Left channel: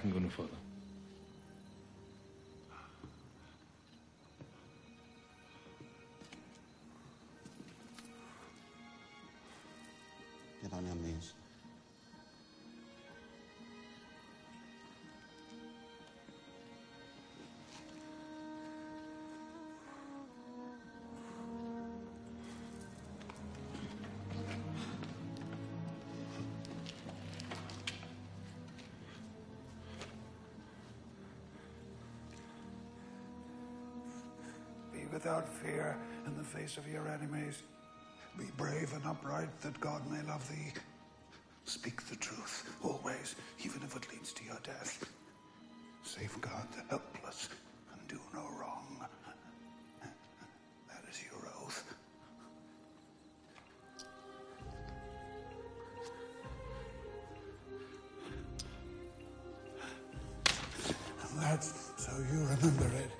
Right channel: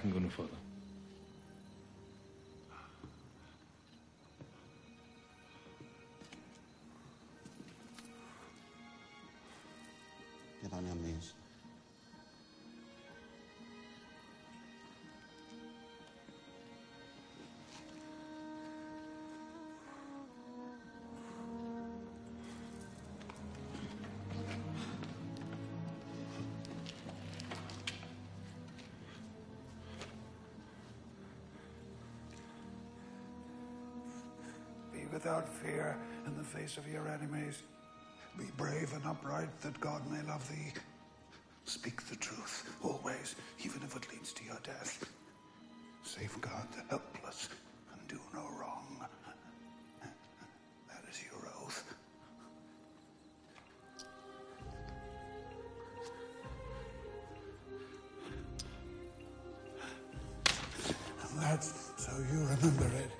can go no further. Get on your knees. Be without fear in the face of your enemies. Be brave and upright, that God may love thee. Speak the truth, always, even if it leads to your death. Safeguard the helpless and do no wrong. That is your oath. And that's so you remember it.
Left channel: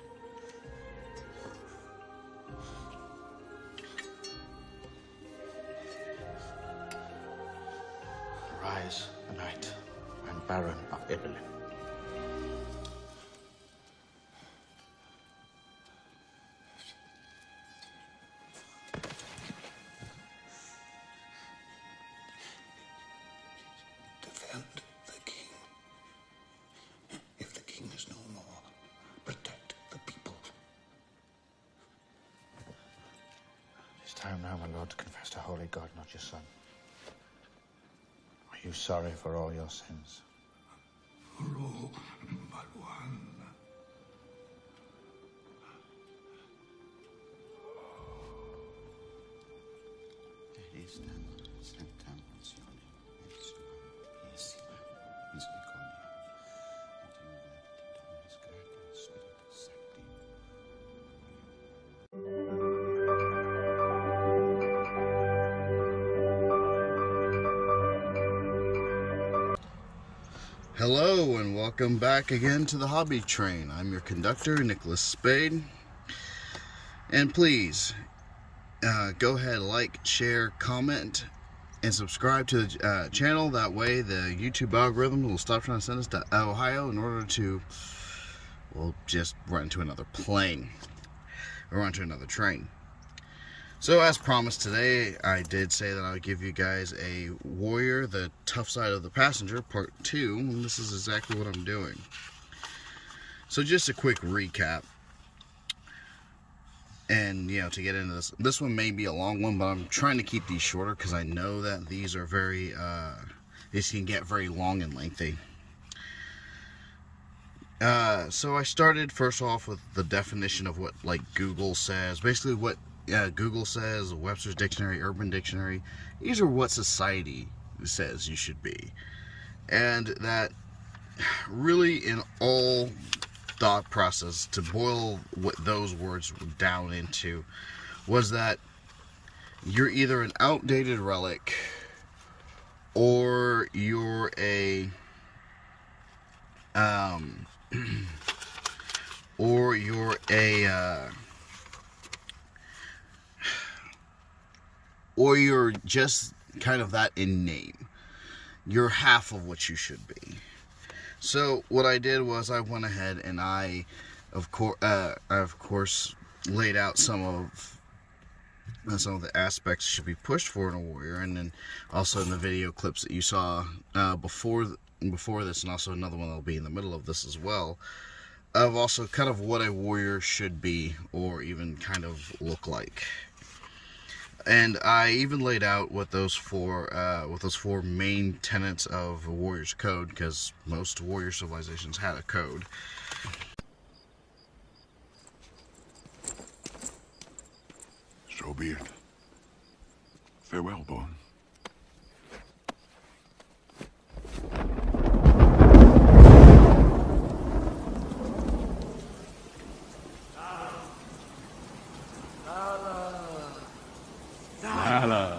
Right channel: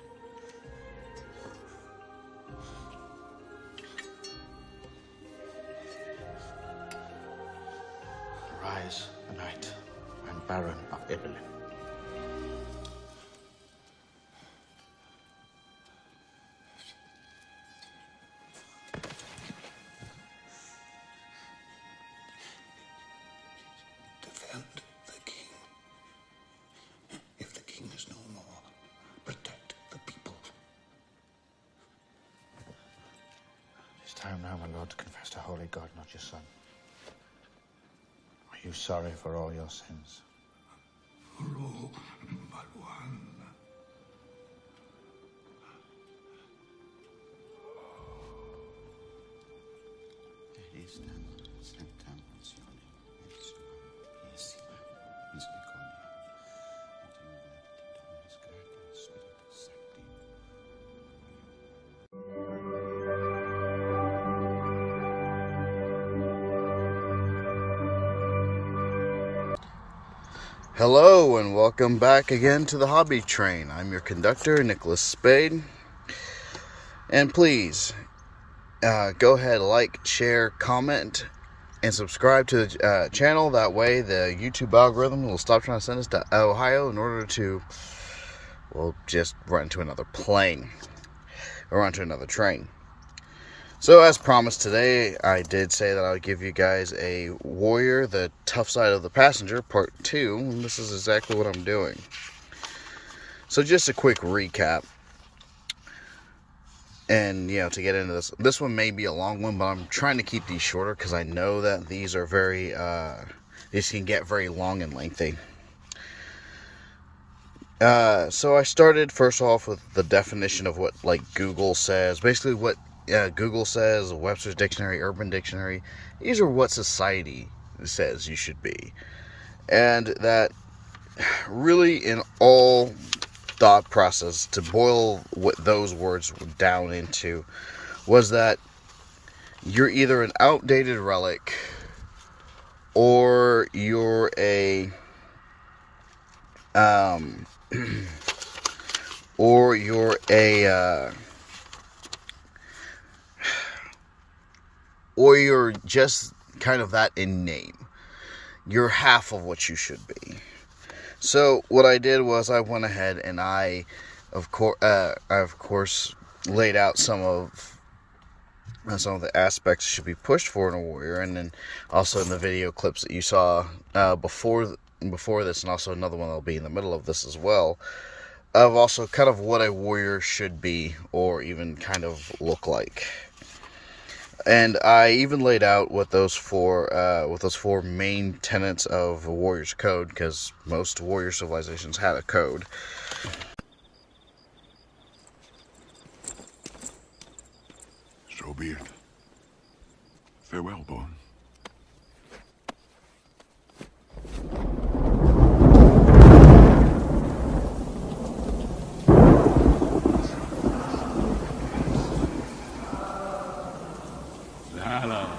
Arise, the knight and Baron of Ibelin. Defend the king. If the king is no more, protect the people. It's time now, my lord, to confess to holy God, not your son. Are you sorry for all your sins? For all but one. Hello and welcome back again to the Hobby Train. I'm your conductor, Nicholas Spade. And please, go ahead, like, share, comment, and subscribe to the channel. That way the YouTube algorithm will stop trying to send us to Ohio in order to, well, just run into another plane. Or run to another train. So, as promised today, I did say that I would give you guys a Warrior, the Tough Side of the Passenger, Part 2, and this is exactly what I'm doing. So, just a quick recap, and, you know, to get into this one may be a long one, but I'm trying to keep these shorter, because I know that these are very, these can get very long and lengthy. So, I started, first off, with the definition of what, like, Google says, basically what Google says, Webster's Dictionary, Urban Dictionary. These are what society says you should be. And that really in all thought process, to boil what those words down into, was that you're either an outdated relic or you're a or you're just kind of that in name. You're half of what you should be. So what I did was I went ahead and I, of course, laid out some of the aspects that should be pushed for in a warrior, and then also in the video clips that you saw before this, and also another one that'll be in the middle of this as well, of also kind of what a warrior should be or even kind of look like. And I even laid out what those four main tenets of a warrior's code, because most warrior civilizations had a code. So be it. Farewell, Born. Valor.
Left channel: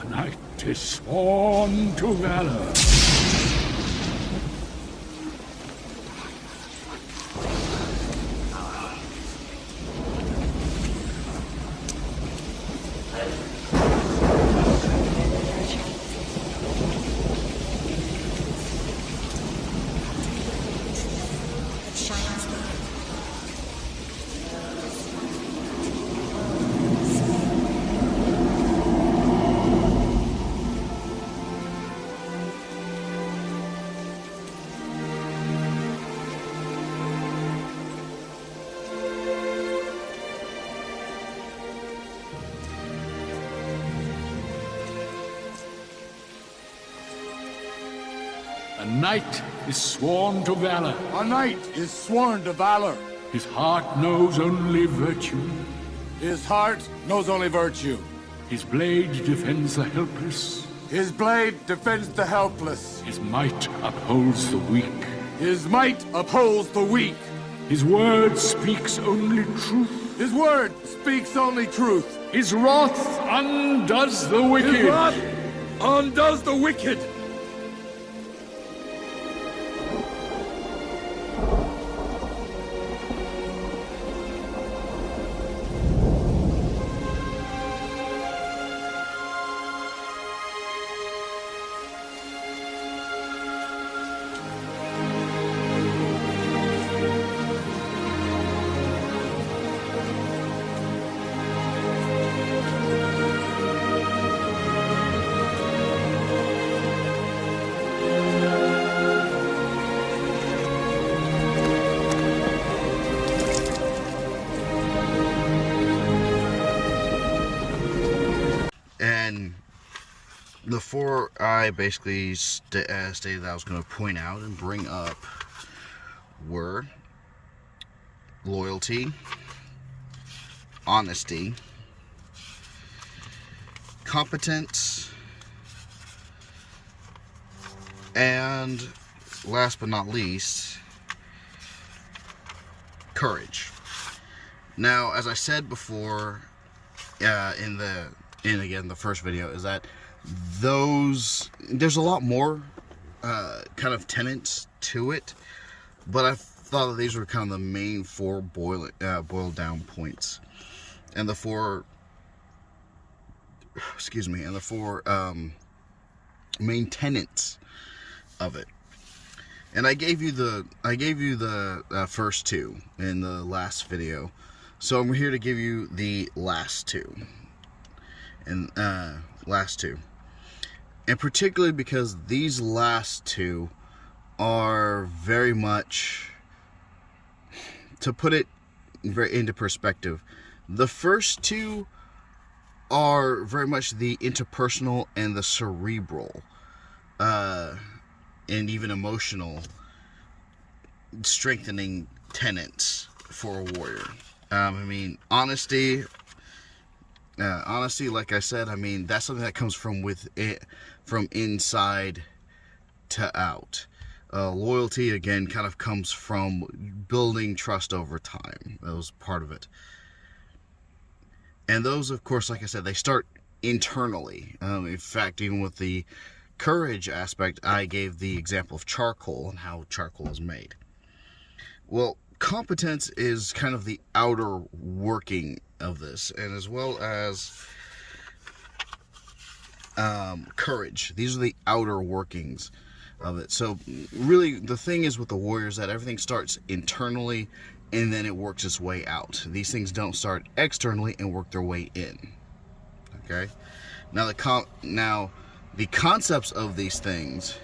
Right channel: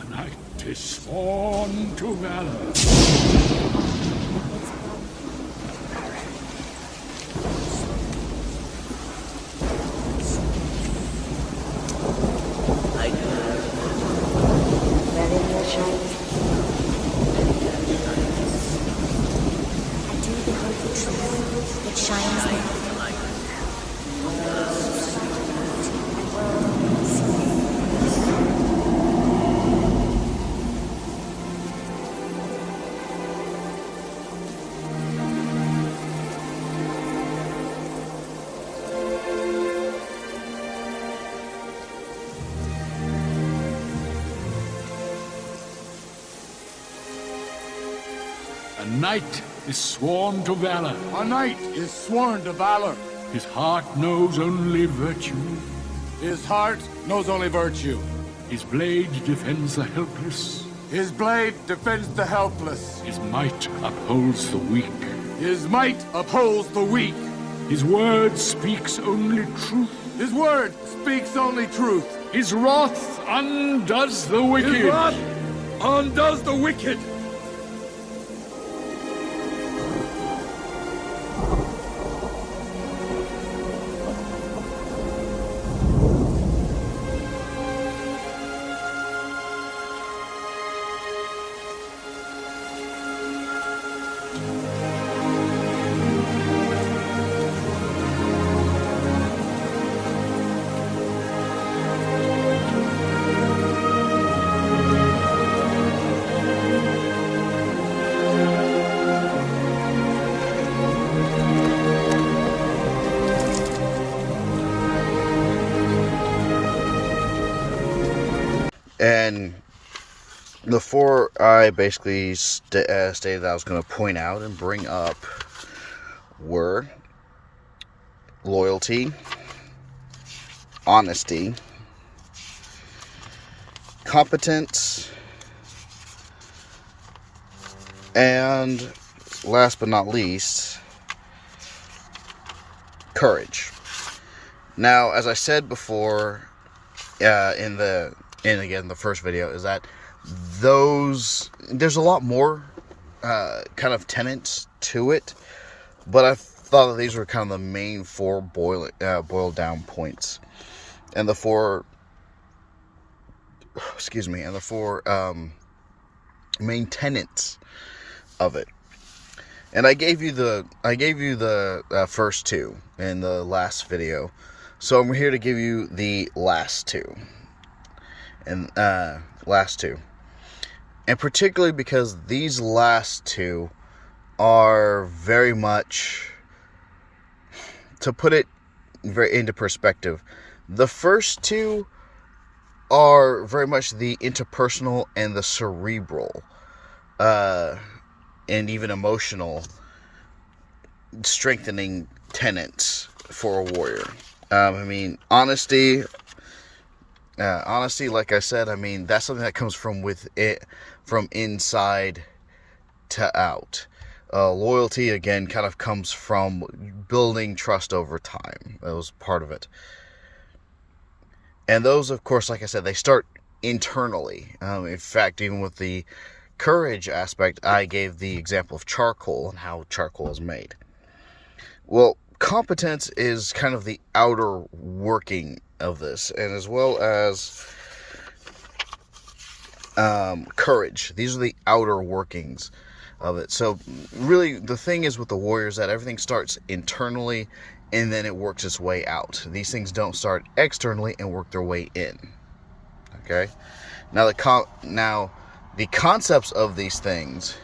The knight is sworn to valor. A knight is sworn to valor. A knight is sworn to valor. His heart knows only virtue. His heart knows only virtue. His blade defends the helpless. His blade defends the helpless. His might upholds the weak. His might upholds the weak. His word speaks only truth. His word speaks only truth. His wrath undoes the wicked. His wrath undoes the wicked. And before I basically stated that I was going to point out and bring up were loyalty, honesty, competence, and last but not least, courage. Now, as I said before, in the first video, is that there's a lot more kind of tenets to it, but I thought that these were kind of the main four boiled down points, and the four main tenets of it. And I gave you the first two in the last video, so I'm here to give you the last two. And particularly because these last two are very much, to put it very into perspective, the first two are very much the interpersonal and the cerebral and even emotional strengthening tenets for a warrior. Honesty, like I said, that's something that comes from from inside to out. Loyalty, again, kind of comes from building trust over time. That was part of it. And those, of course, like I said, they start internally. In fact, even with the courage aspect, I gave the example of charcoal and how charcoal is made. Well, competence is kind of the outer working of this, and as well as courage. These are the outer workings of it. So really, the thing is with the warriors that everything starts internally and then it works its way out. These things don't start externally and work their way in. Okay? Now the concepts of these things,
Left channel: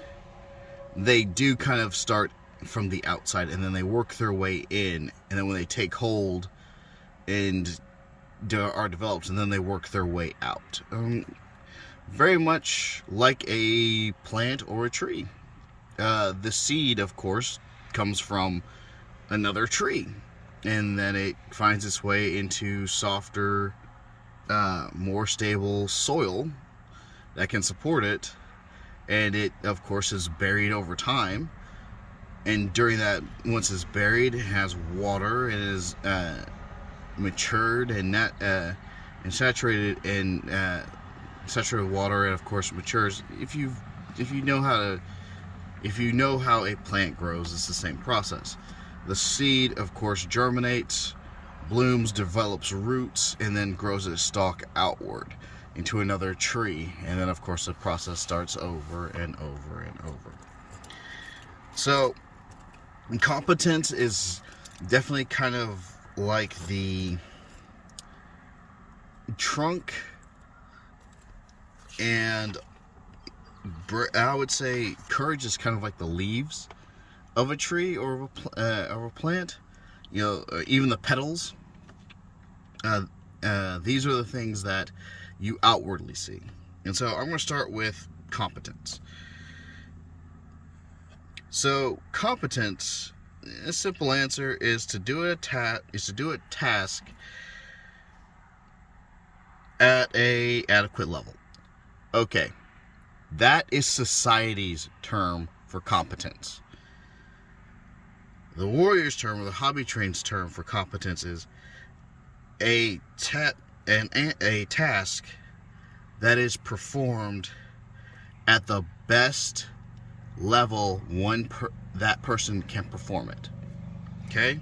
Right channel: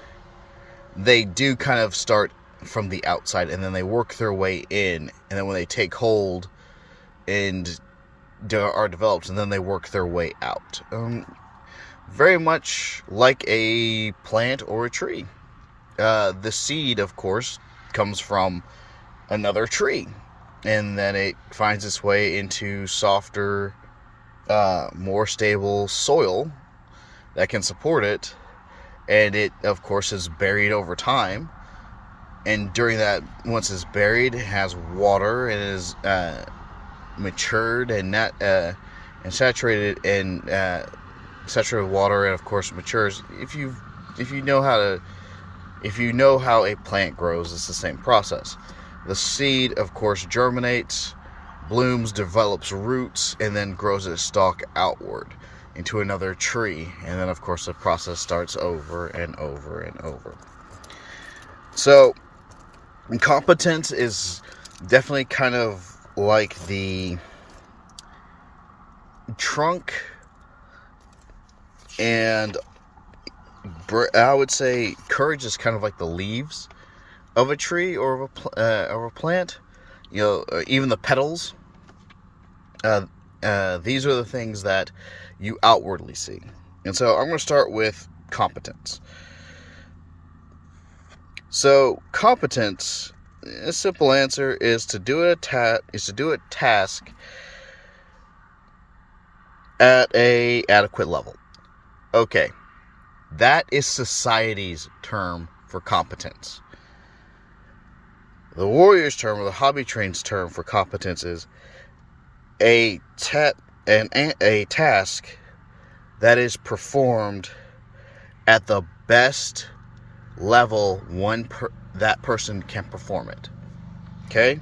they do kind of start from the outside and then they work their way in, and then when they take hold and are developed, and then they work their way out. Very much like a plant or a tree. The seed, of course, comes from another tree, and then it finds its way into softer, more stable soil that can support it, and it, of course, is buried over time. And during that, once it's buried, it has water and is matured and saturated and saturated water, and of course matures. If you know how a plant grows, it's the same process. The seed, of course, germinates, blooms, develops roots, and then grows its stalk outward into another tree. And then, of course, the process starts over and over and over. So, competence is definitely kind of like the trunk, and I would say courage is kind of like the leaves of a tree or of a plant. Even the petals. These are the things that you outwardly see. And so I'm going to start with competence. So competence, a simple answer is to do a task at a adequate level. Okay, that is society's term for competence. The warrior's term, or the hobby train's term for competence, is a task that is performed at the best level that person can perform it. Okay?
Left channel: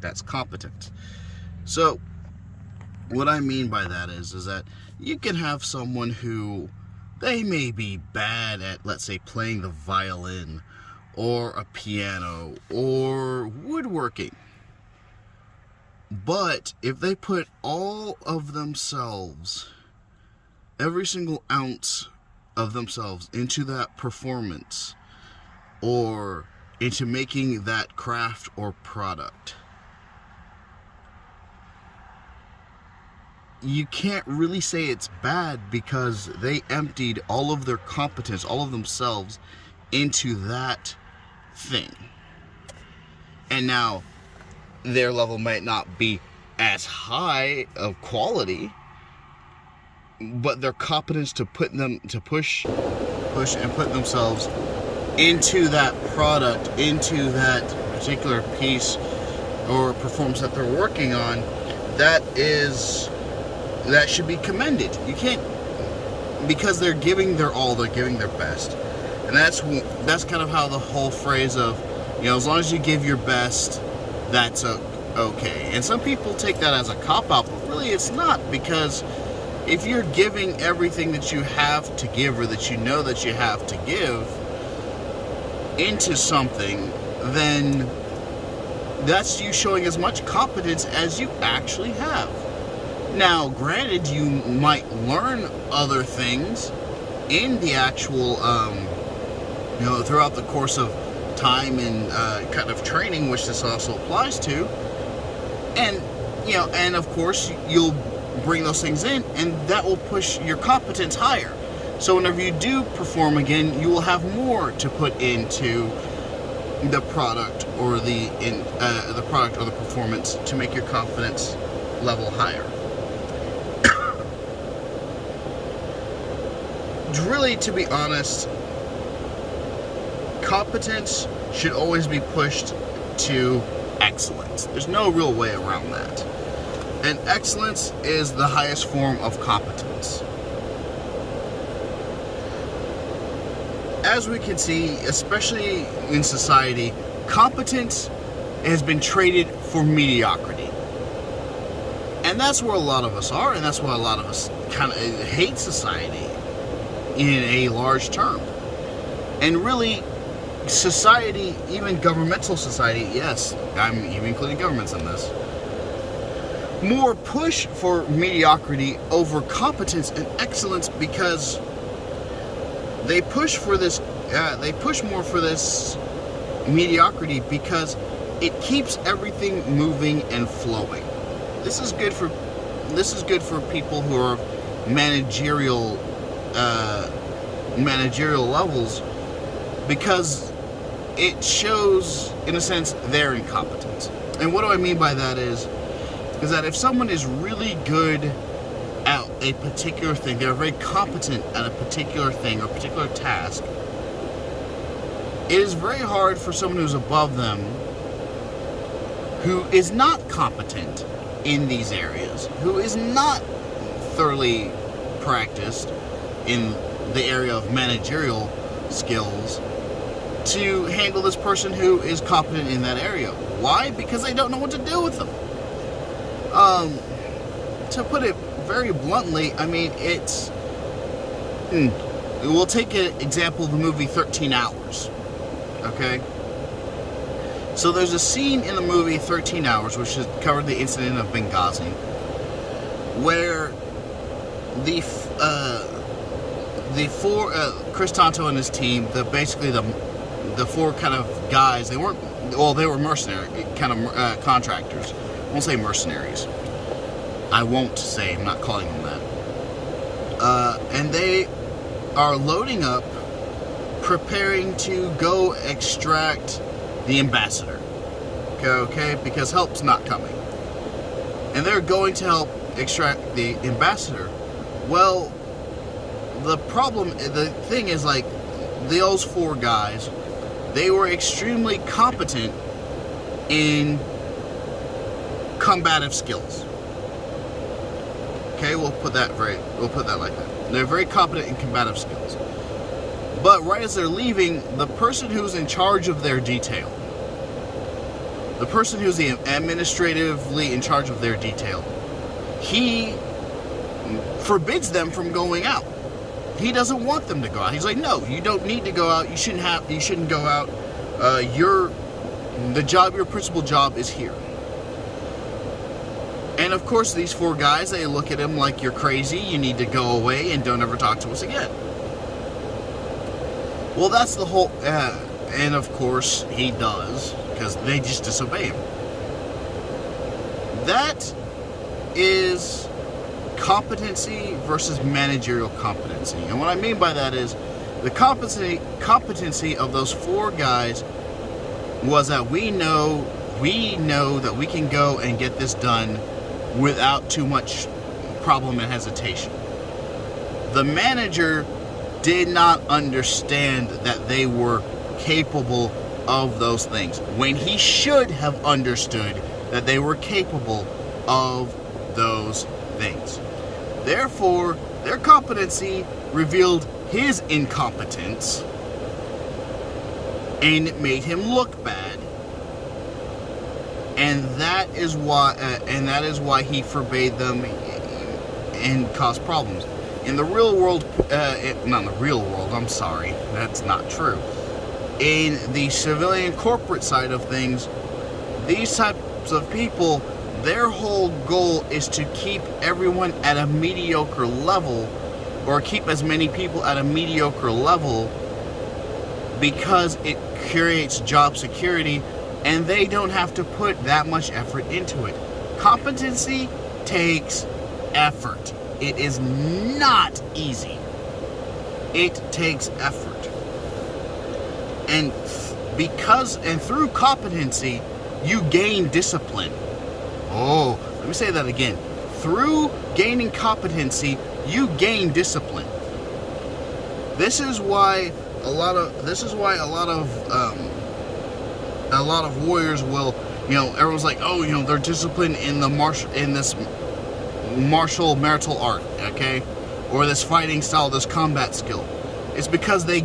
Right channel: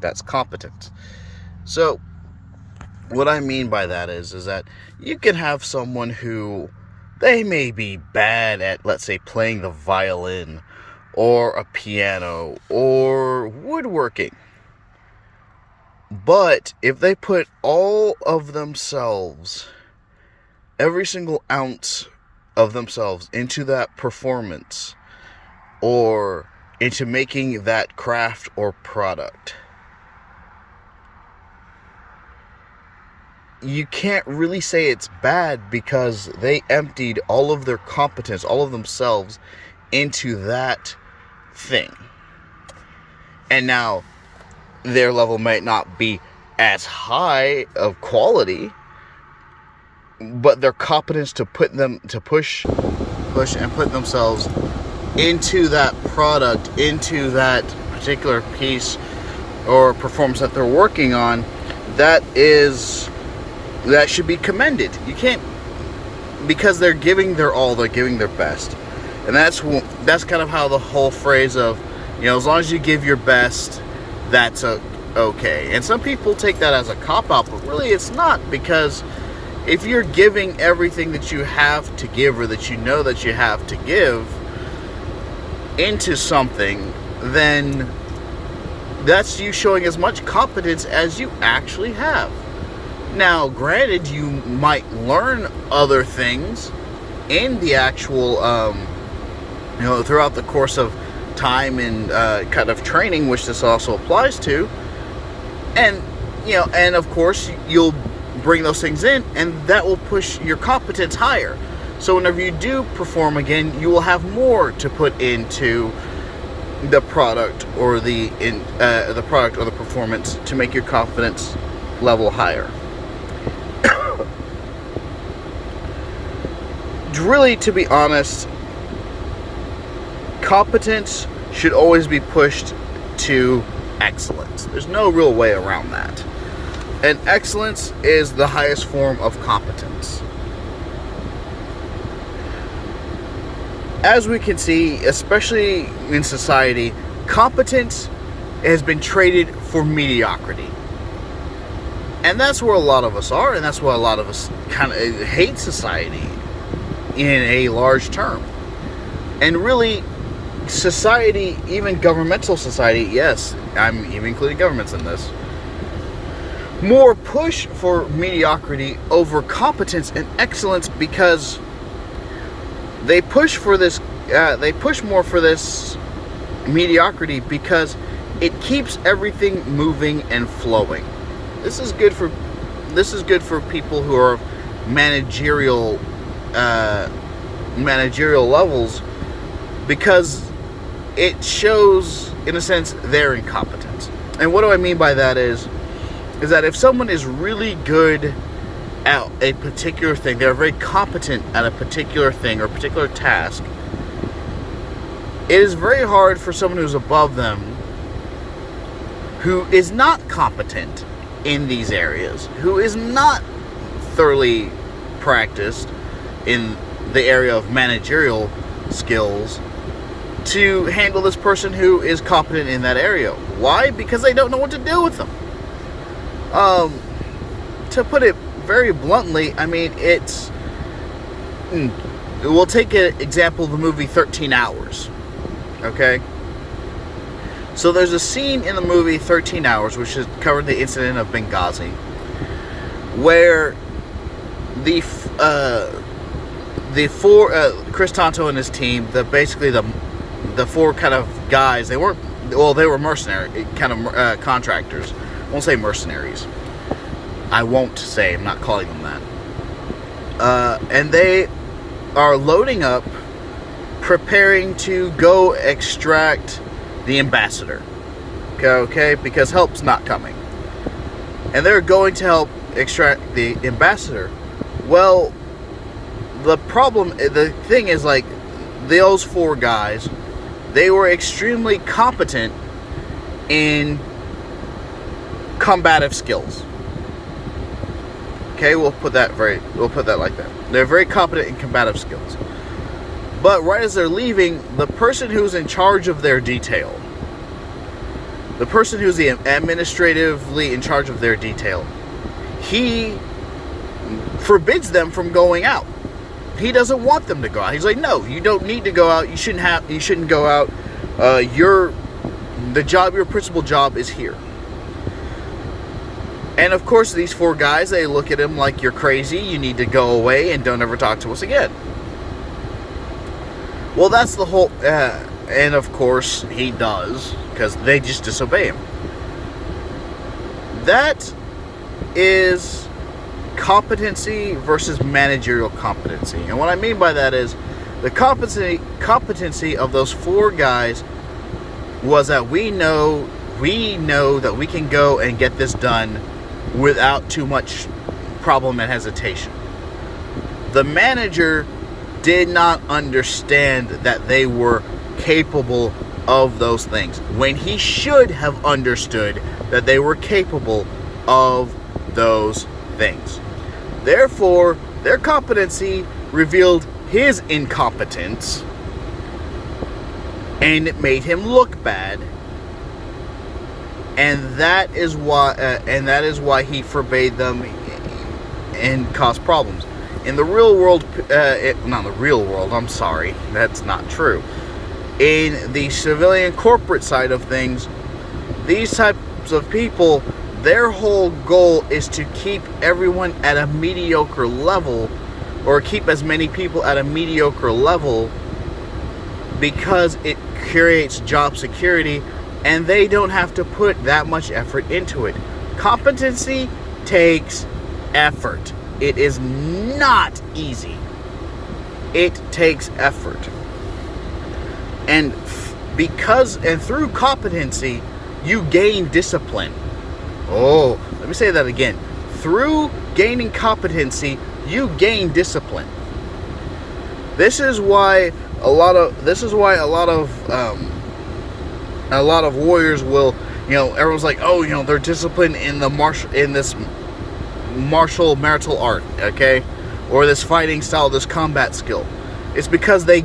That's competence. So, what I mean by that is that you can have someone who, they may be bad at, let's say, playing the violin, or a piano, or woodworking. But if they put all of themselves, every single ounce of themselves into that performance, or into making that craft or product, you can't really say it's bad, because they emptied all of their competence, all of themselves, into that thing. And now their level might not be as high of quality, but their competence to push and put themselves into that product, into that particular piece or performance that they're working on, that should be commended. You can't, because they're giving their all, they're giving their best. And that's kind of how the whole phrase of, as long as you give your best, that's okay. And some people take that as a cop-out, but really it's not, because if you're giving everything that you have to give, or that you know that you have to give into something, then that's you showing as much competence as you actually have. Now, granted, you might learn other things in the actual, throughout the course of time and kind of training, which this also applies to. And, and of course, you'll bring those things in, and that will push your competence higher. So whenever you do perform again, you will have more to put into the product or the performance to make your confidence level higher. Really, to be honest, competence should always be pushed to excellence. There's no real way around that. And excellence is the highest form of competence. As we can see, especially in society, competence has been traded for mediocrity. And that's where a lot of us are, and that's why a lot of us kind of hate society in a large term. And really, society, even governmental society, yes, I'm even including governments in this, more push for mediocrity over competence and excellence, because they push more for this mediocrity because it keeps everything moving and flowing. This is good for people who are managerial levels, because it shows, in a sense, their incompetence. And what do I mean by that is that if someone is really good at a particular thing, they're very competent at a particular thing or a particular task, it is very hard for someone who's above them, who is not competent in these areas, who is not thoroughly practiced in the area of managerial skills, to handle this person who is competent in that area. Why? Because they don't know what to do with them. To put it very bluntly, I mean, we'll take an example of the movie 13 Hours. Okay? So there's a scene in the movie 13 Hours, which has covered the incident of Benghazi, where the four, Chris Tonto and his team, the four kind of guys, they were mercenary, kind of contractors. I won't say mercenaries. I'm not calling them that. And they are loading up preparing to go extract the ambassador. Okay, because help's not coming. And they're going to help extract the ambassador. Well, the thing is, like, those 4 guys, they were extremely competent in combative skills. Okay, we'll put that like that. They're very competent in combative skills. But right as they're leaving, the person who's in charge of their detail, the person who's administratively in charge of their detail, he forbids them from going out. He doesn't want them to go out. He's like, no, you don't need to go out. You shouldn't go out. Your principal job is here. And of course, these 4 guys, they look at him like, you're crazy. You need to go away and don't ever talk to us again. Well, that's the whole, and of course he does, because they just disobey him. That is competency versus managerial competency. And what I mean by that is, the competency of those 4 guys was that we know that we can go and get this done without too much problem and hesitation. The manager did not understand that they were capable of those things, when he should have understood that they were capable of those things. Therefore, their competency revealed his incompetence, and it made him look bad. And that is why he forbade them and caused problems. In the real world, not the real world, I'm sorry, that's not true. In the civilian corporate side of things, these types of people, their whole goal is to keep everyone at a mediocre level, or keep as many people at a mediocre level, because it creates job security, and they don't have to put that much effort into it. Competency takes effort. It is not easy. It takes effort. And through competency, you gain discipline. Oh, let me say that again. Through gaining competency, you gain discipline. This is why a lot of warriors will, everyone's like, oh, they're disciplined in this martial marital art, okay, or this fighting style, this combat skill. It's because they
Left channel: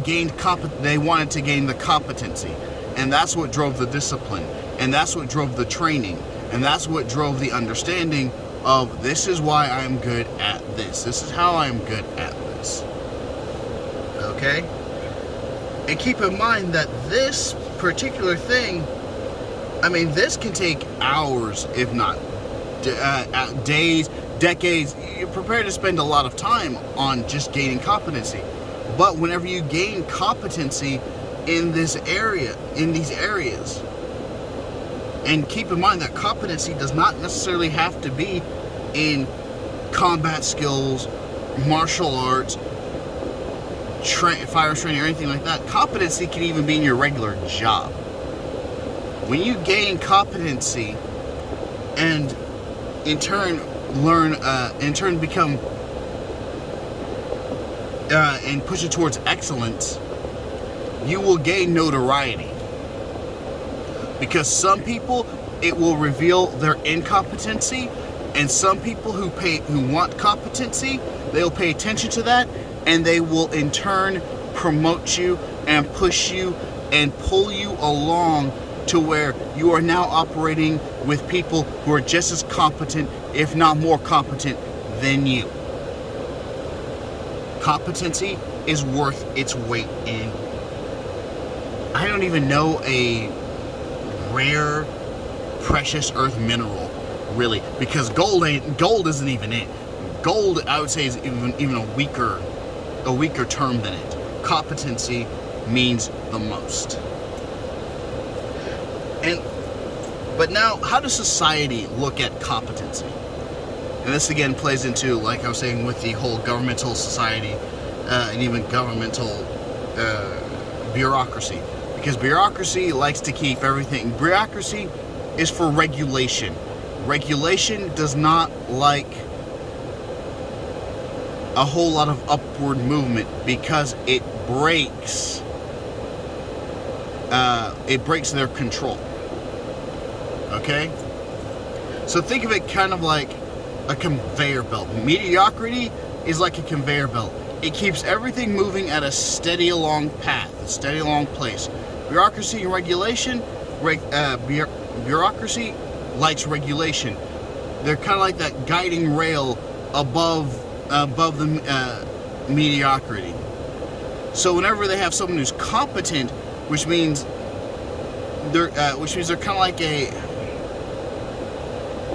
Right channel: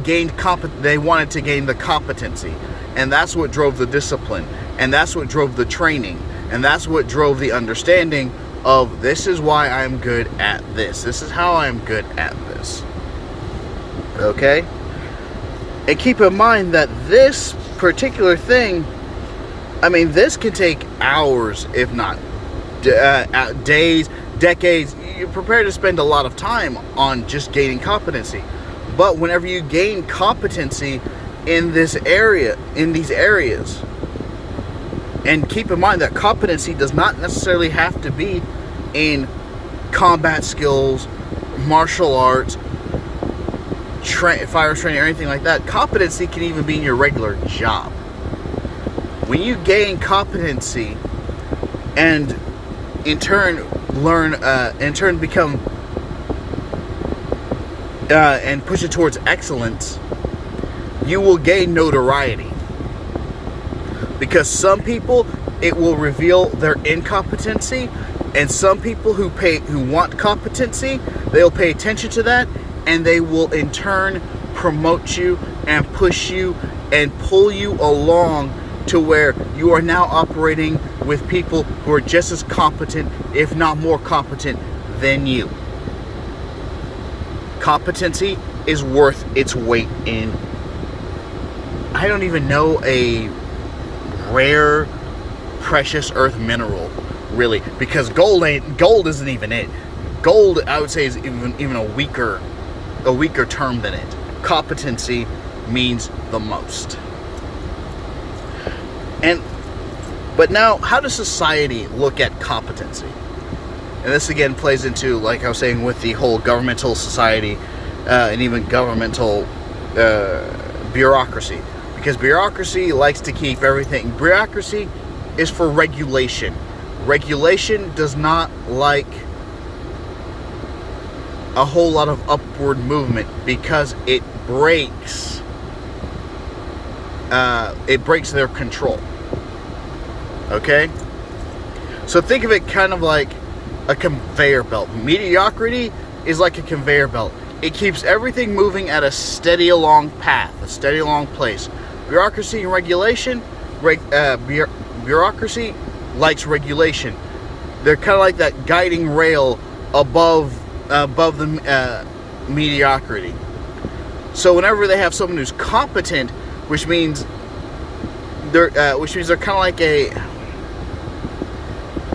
wanted to gain the competency, and that's what drove the discipline, and that's what drove the training, and that's what drove the understanding of, this is why I'm good at this. This is how I'm good at this. Okay? And keep in mind that this particular thing, this can take hours, if not days, decades. You're prepared to spend a lot of time on just gaining competency. But whenever you gain competency in these areas, and keep in mind that competency does not necessarily have to be in combat skills, martial arts, fire training, or anything like that. Competency can even be in your regular job. When you gain competency and in turn become and push it towards excellence, you will gain notoriety. Because some people, it will reveal their incompetency, and some people who want competency, they'll pay attention to that, and they will in turn promote you and push you and pull you along to where you are now operating with people who are just as competent, if not more competent, than you. Competency is worth its weight in, I don't even know, a rare precious earth mineral, really, because gold isn't even it. Gold, I would say, is even a weaker term than it. Competency means the most. But now, how does society look at competency? And this again plays into, like I was saying, with the whole governmental society and even governmental bureaucracy. Because bureaucracy likes to keep everything. Bureaucracy is for regulation. Regulation does not like a whole lot of upward movement because it breaks their control. Okay? So think of it kind of like a conveyor belt. Mediocrity is like a conveyor belt. It keeps everything moving at a steady along path, a steady along place. Bureaucracy and regulation, bureaucracy likes regulation. They're kind of like that guiding rail above the mediocrity. So whenever they have someone who's competent, which means they're kind of like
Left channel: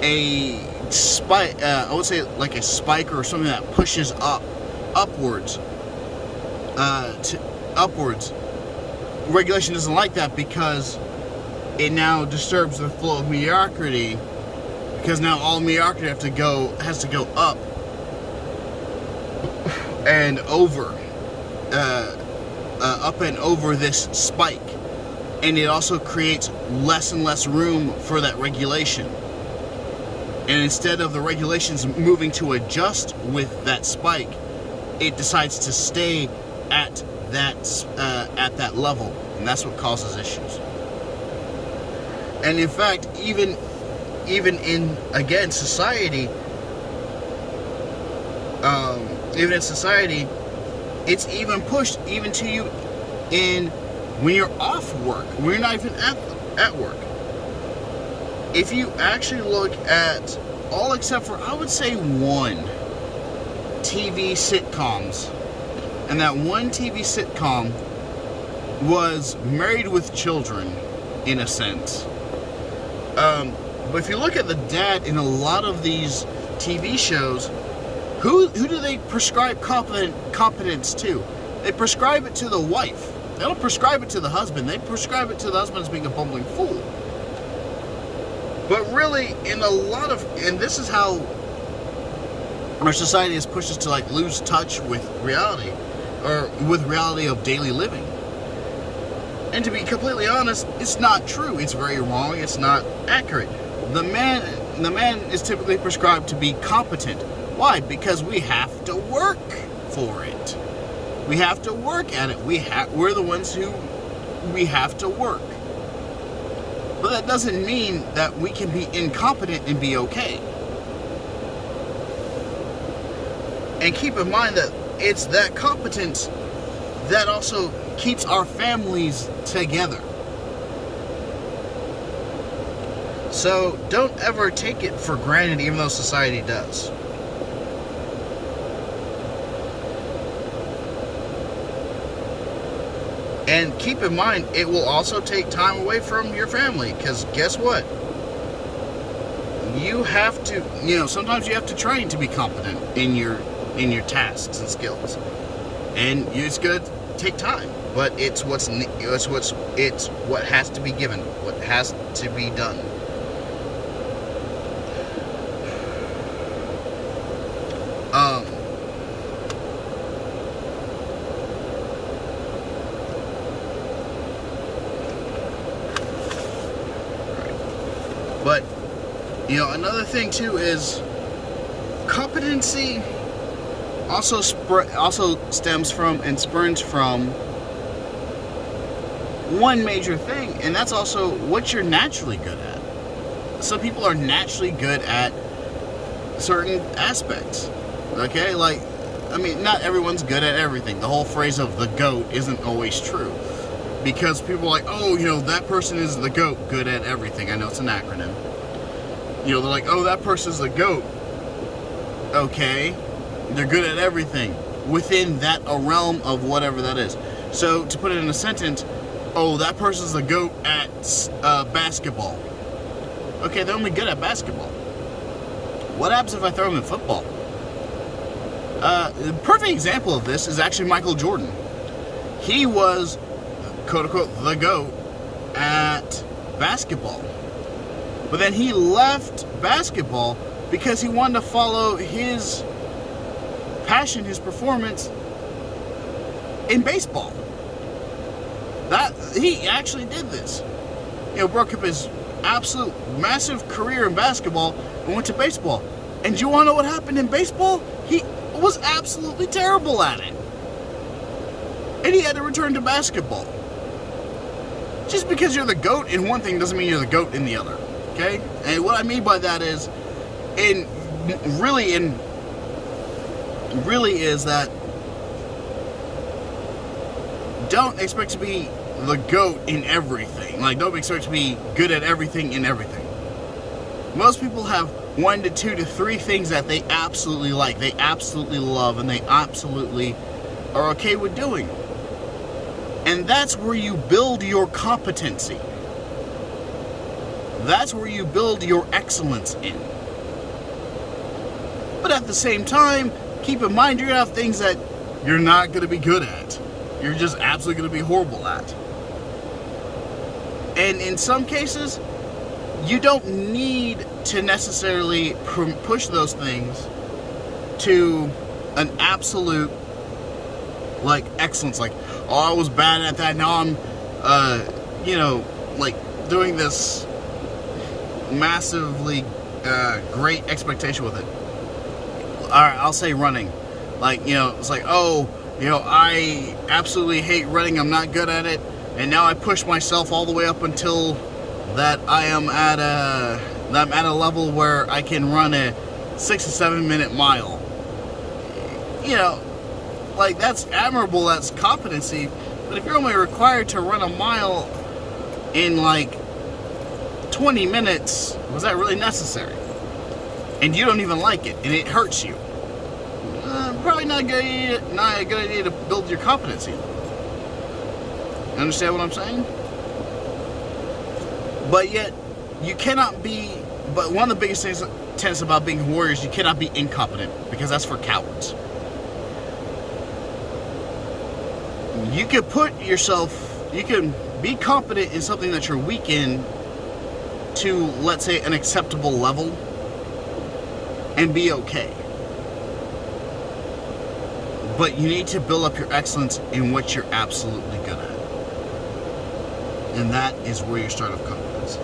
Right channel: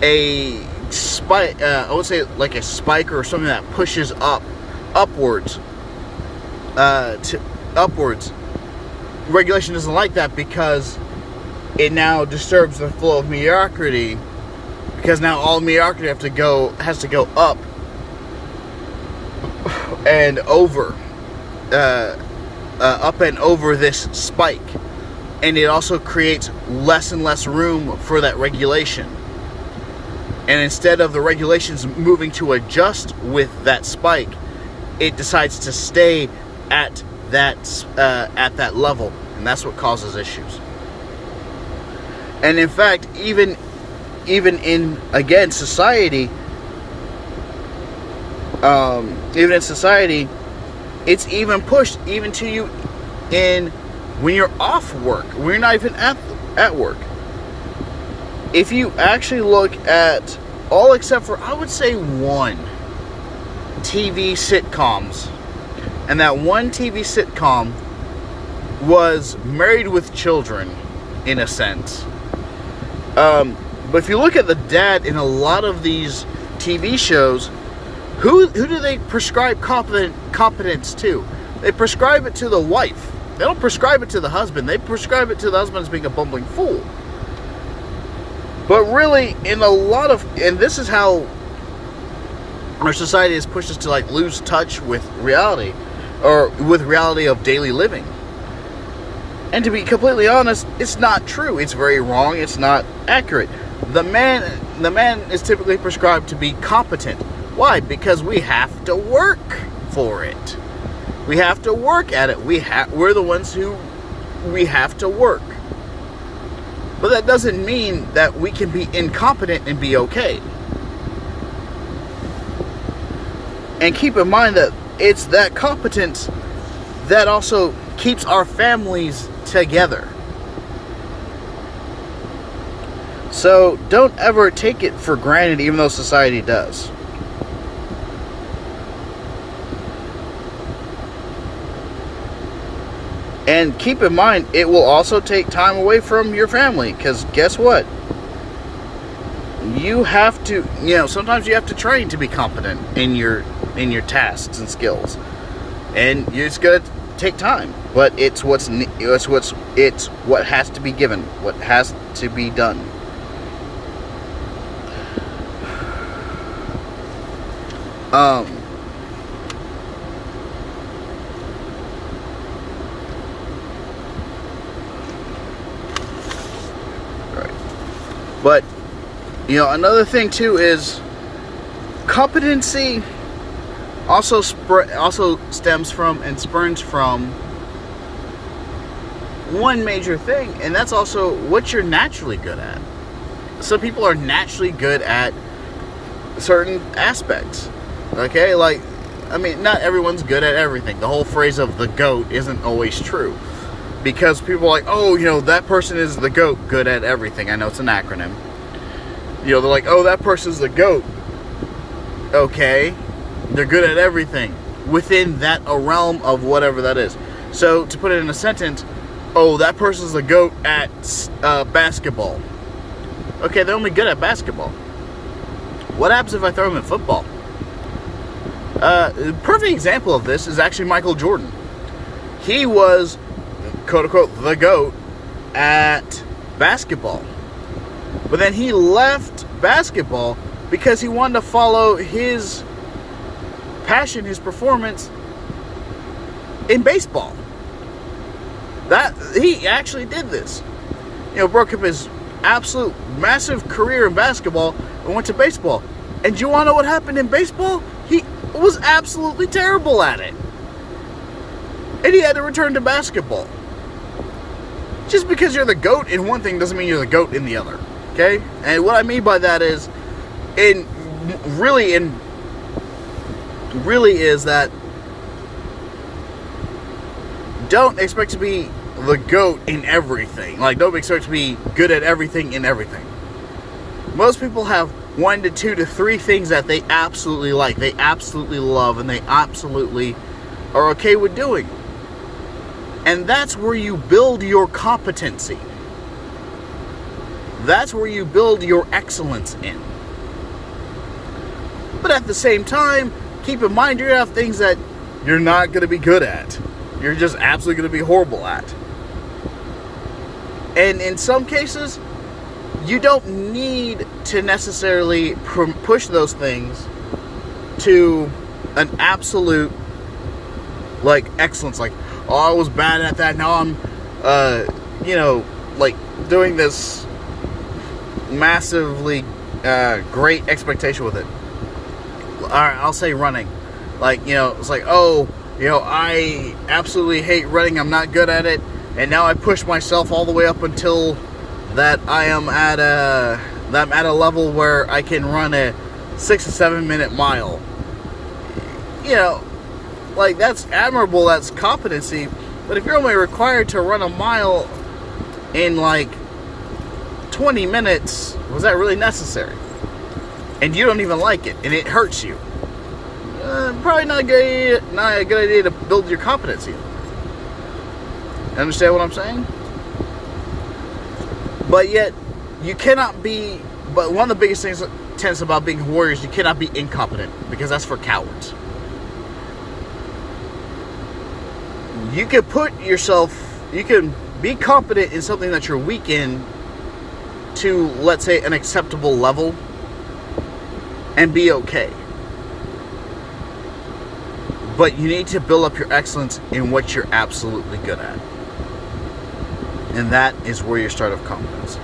a spike. I would say like a spiker or something that pushes upwards. Regulation doesn't like that because it now disturbs the flow of mediocrity. Because now all mediocrity has to go up and over, this spike, and it also creates less and less room for that regulation. And instead of the regulations moving to adjust with that spike, it decides to stay at that level, and that's what causes issues. And in fact, even in society, it's even pushed even to you in when you're off work, when you're not even at work. If you actually look at all except for, I would say, one TV sitcoms, and that one TV sitcom was Married with Children, in a sense. But if you look at the dad in a lot of these TV shows, who do they prescribe competence to? They prescribe it to the wife. They don't prescribe it to the husband. They prescribe it to the husband as being a bumbling fool. But really, and this is how our society has pushed us to like lose touch with reality, or with reality of daily living. And to be completely honest, it's not true. It's very wrong. It's not accurate. The man is typically prescribed to be competent. Why? Because we have to work for it. We have to work at it. We're the ones who we have to work. But that doesn't mean that we can be incompetent and be okay. And keep in mind that it's that competence that also keeps our families together. So don't ever take it for granted, even though society does. And keep in mind, it will also take time away from your family, because guess what? You have to, sometimes you have to train to be competent in your tasks and skills. And it's going to take time, but it's what has to be given, what has to be done. But, another thing too is competency also stems from and spurns from one major thing, and that's also what you're naturally good at. Some people are naturally good at certain aspects. Okay, not everyone's good at everything. The whole phrase of the GOAT isn't always true. Because people are like, that person is the GOAT, good at everything. I know it's an acronym. They're like, that person's the GOAT. Okay, they're good at everything within a realm of whatever that is. So, to put it in a sentence, that person's the GOAT at basketball. Okay, they're only good at basketball. What happens if I throw them in football? A perfect example of this is actually Michael Jordan. He was, quote-unquote, the GOAT at basketball. But then he left basketball because he wanted to follow his passion, his performance in baseball. That he actually did this. You know, broke up his absolute massive career in basketball and went to baseball. And do you want to know what happened in baseball? He was absolutely terrible at it. And he had to return to basketball. Just because you're the GOAT in one thing doesn't mean you're the GOAT in the other. Okay? And what I mean by that is, really is that don't expect to be the GOAT in everything. Like, don't expect to be good at everything in everything. Most people have 1 to 2 to 3 things that they absolutely like, they absolutely love, and they absolutely are okay with doing. And that's where you build your competency. That's where you build your excellence in. But at the same time, keep in mind you're going to have things that you're not going to be good at. You're just absolutely going to be horrible at. And in some cases, you don't need to necessarily push those things to an absolute, like, excellence. Like, oh, I was bad at that, now I'm, like, doing this massively great expectation with it. Alright, I'll say running. Like, it's like, oh, I absolutely hate running, I'm not good at it, and now I push myself all the way up until that I'm at a level where I can run a 6 to 7 minute mile. Like, that's admirable, that's competency, but if you're only required to run a mile in like 20 minutes, was that really necessary? And you don't even like it, and it hurts you. Probably not a good idea to build your competency. Understand what I'm saying? But yet, you cannot be. But one of the biggest tenets about being a warrior is you cannot be incompetent, because that's for cowards. You can you can be competent in something that you're weak in to, let's say, an acceptable level, and be okay. But you need to build up your excellence in what you're absolutely good at. And that is where your start of competence.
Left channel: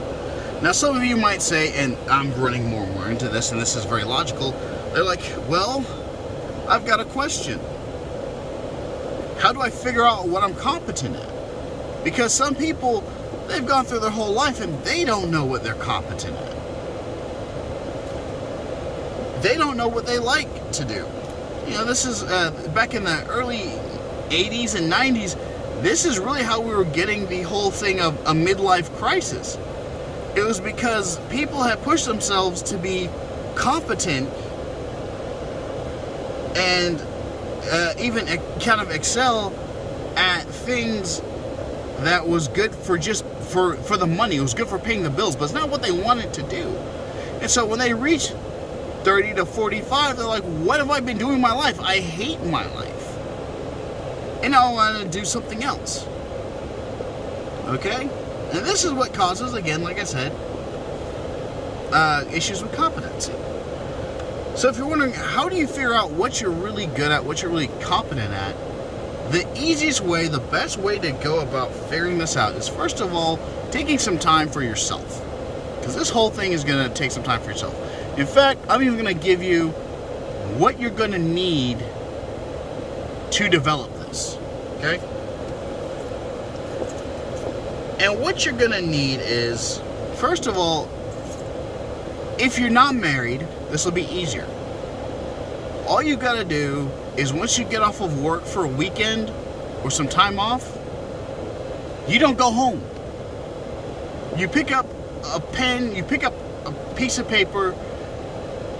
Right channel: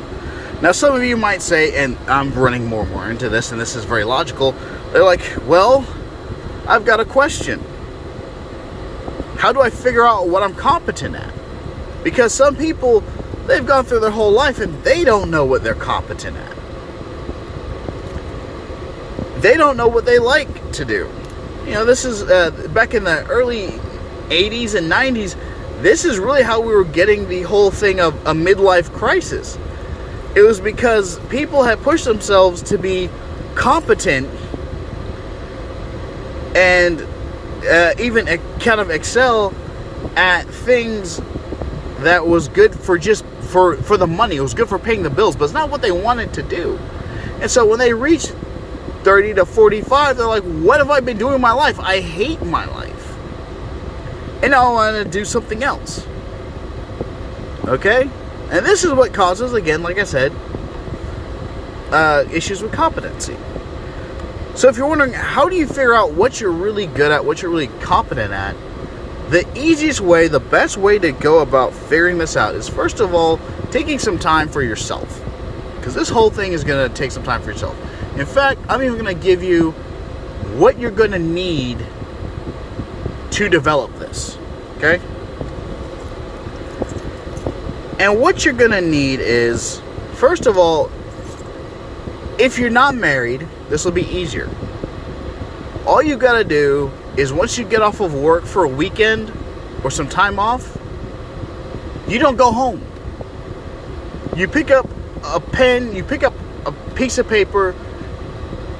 Now, some of you might say, and I'm running more and more into this, and this is very logical, they're like, well, I've got a question. How do I figure out what I'm competent at? Because some people, they've gone through their whole life and they don't know what they're competent at. They don't know what they like to do. This is back in the early 80s and 90s. This is really how we were getting the whole thing of a midlife crisis. It was because people had pushed themselves to be competent and even kind of excel at things that was good for just for the money. It was good for paying the bills, but it's not what they wanted to do. And so when they reached 30 to 45, they're like, what have I been doing in my life? I hate my life. And now I want to do something else. Okay? And this is what causes, again, like I said, issues with competency. So if you're wondering, how do you figure out what you're really good at, what you're really competent at, the easiest way, the best way to go about figuring this out is, first of all, taking some time for yourself. Because this whole thing is going to take some time for yourself. In fact, I'm even going to give you what you're going to need to develop this. Okay? And what you're going to need is, first of all, if you're not married, this will be easier. All you got to do is, once you get off of work for a weekend or some time off, you don't go home. You pick up a pen, you pick up a piece of paper,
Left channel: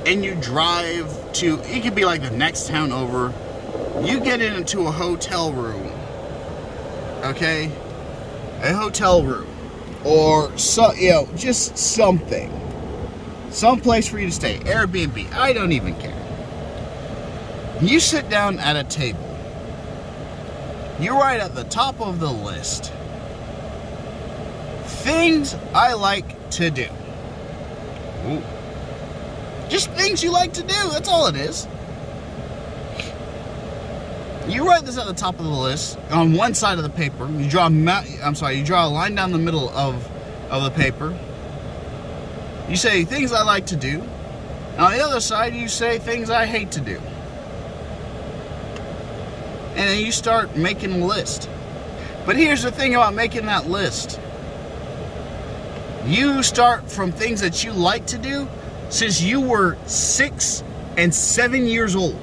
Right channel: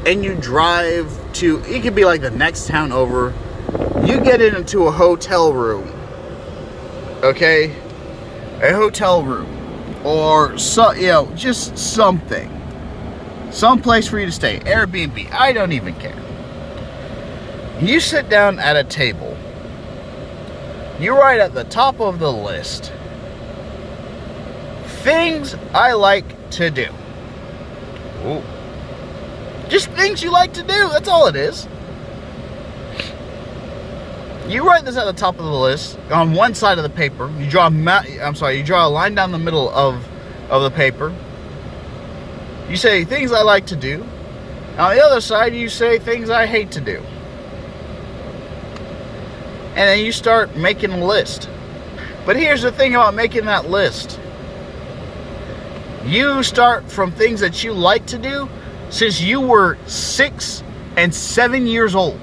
and you drive to, it could be like the next town over. You get into a hotel room. Okay? A hotel room. Or, just something. Some place for you to stay. Airbnb. I don't even care. You sit down at a table. You write at the top of the list, things I like to do. Ooh. Just things you like to do. That's all it is. You write this at the top of the list on one side of the paper. You draw you draw a line down the middle of the paper. You say things I like to do. And on the other side, you say things I hate to do. And then you start making a list. But here's the thing about making that list. You start from things that you like to do since you were 6 and 7 years old.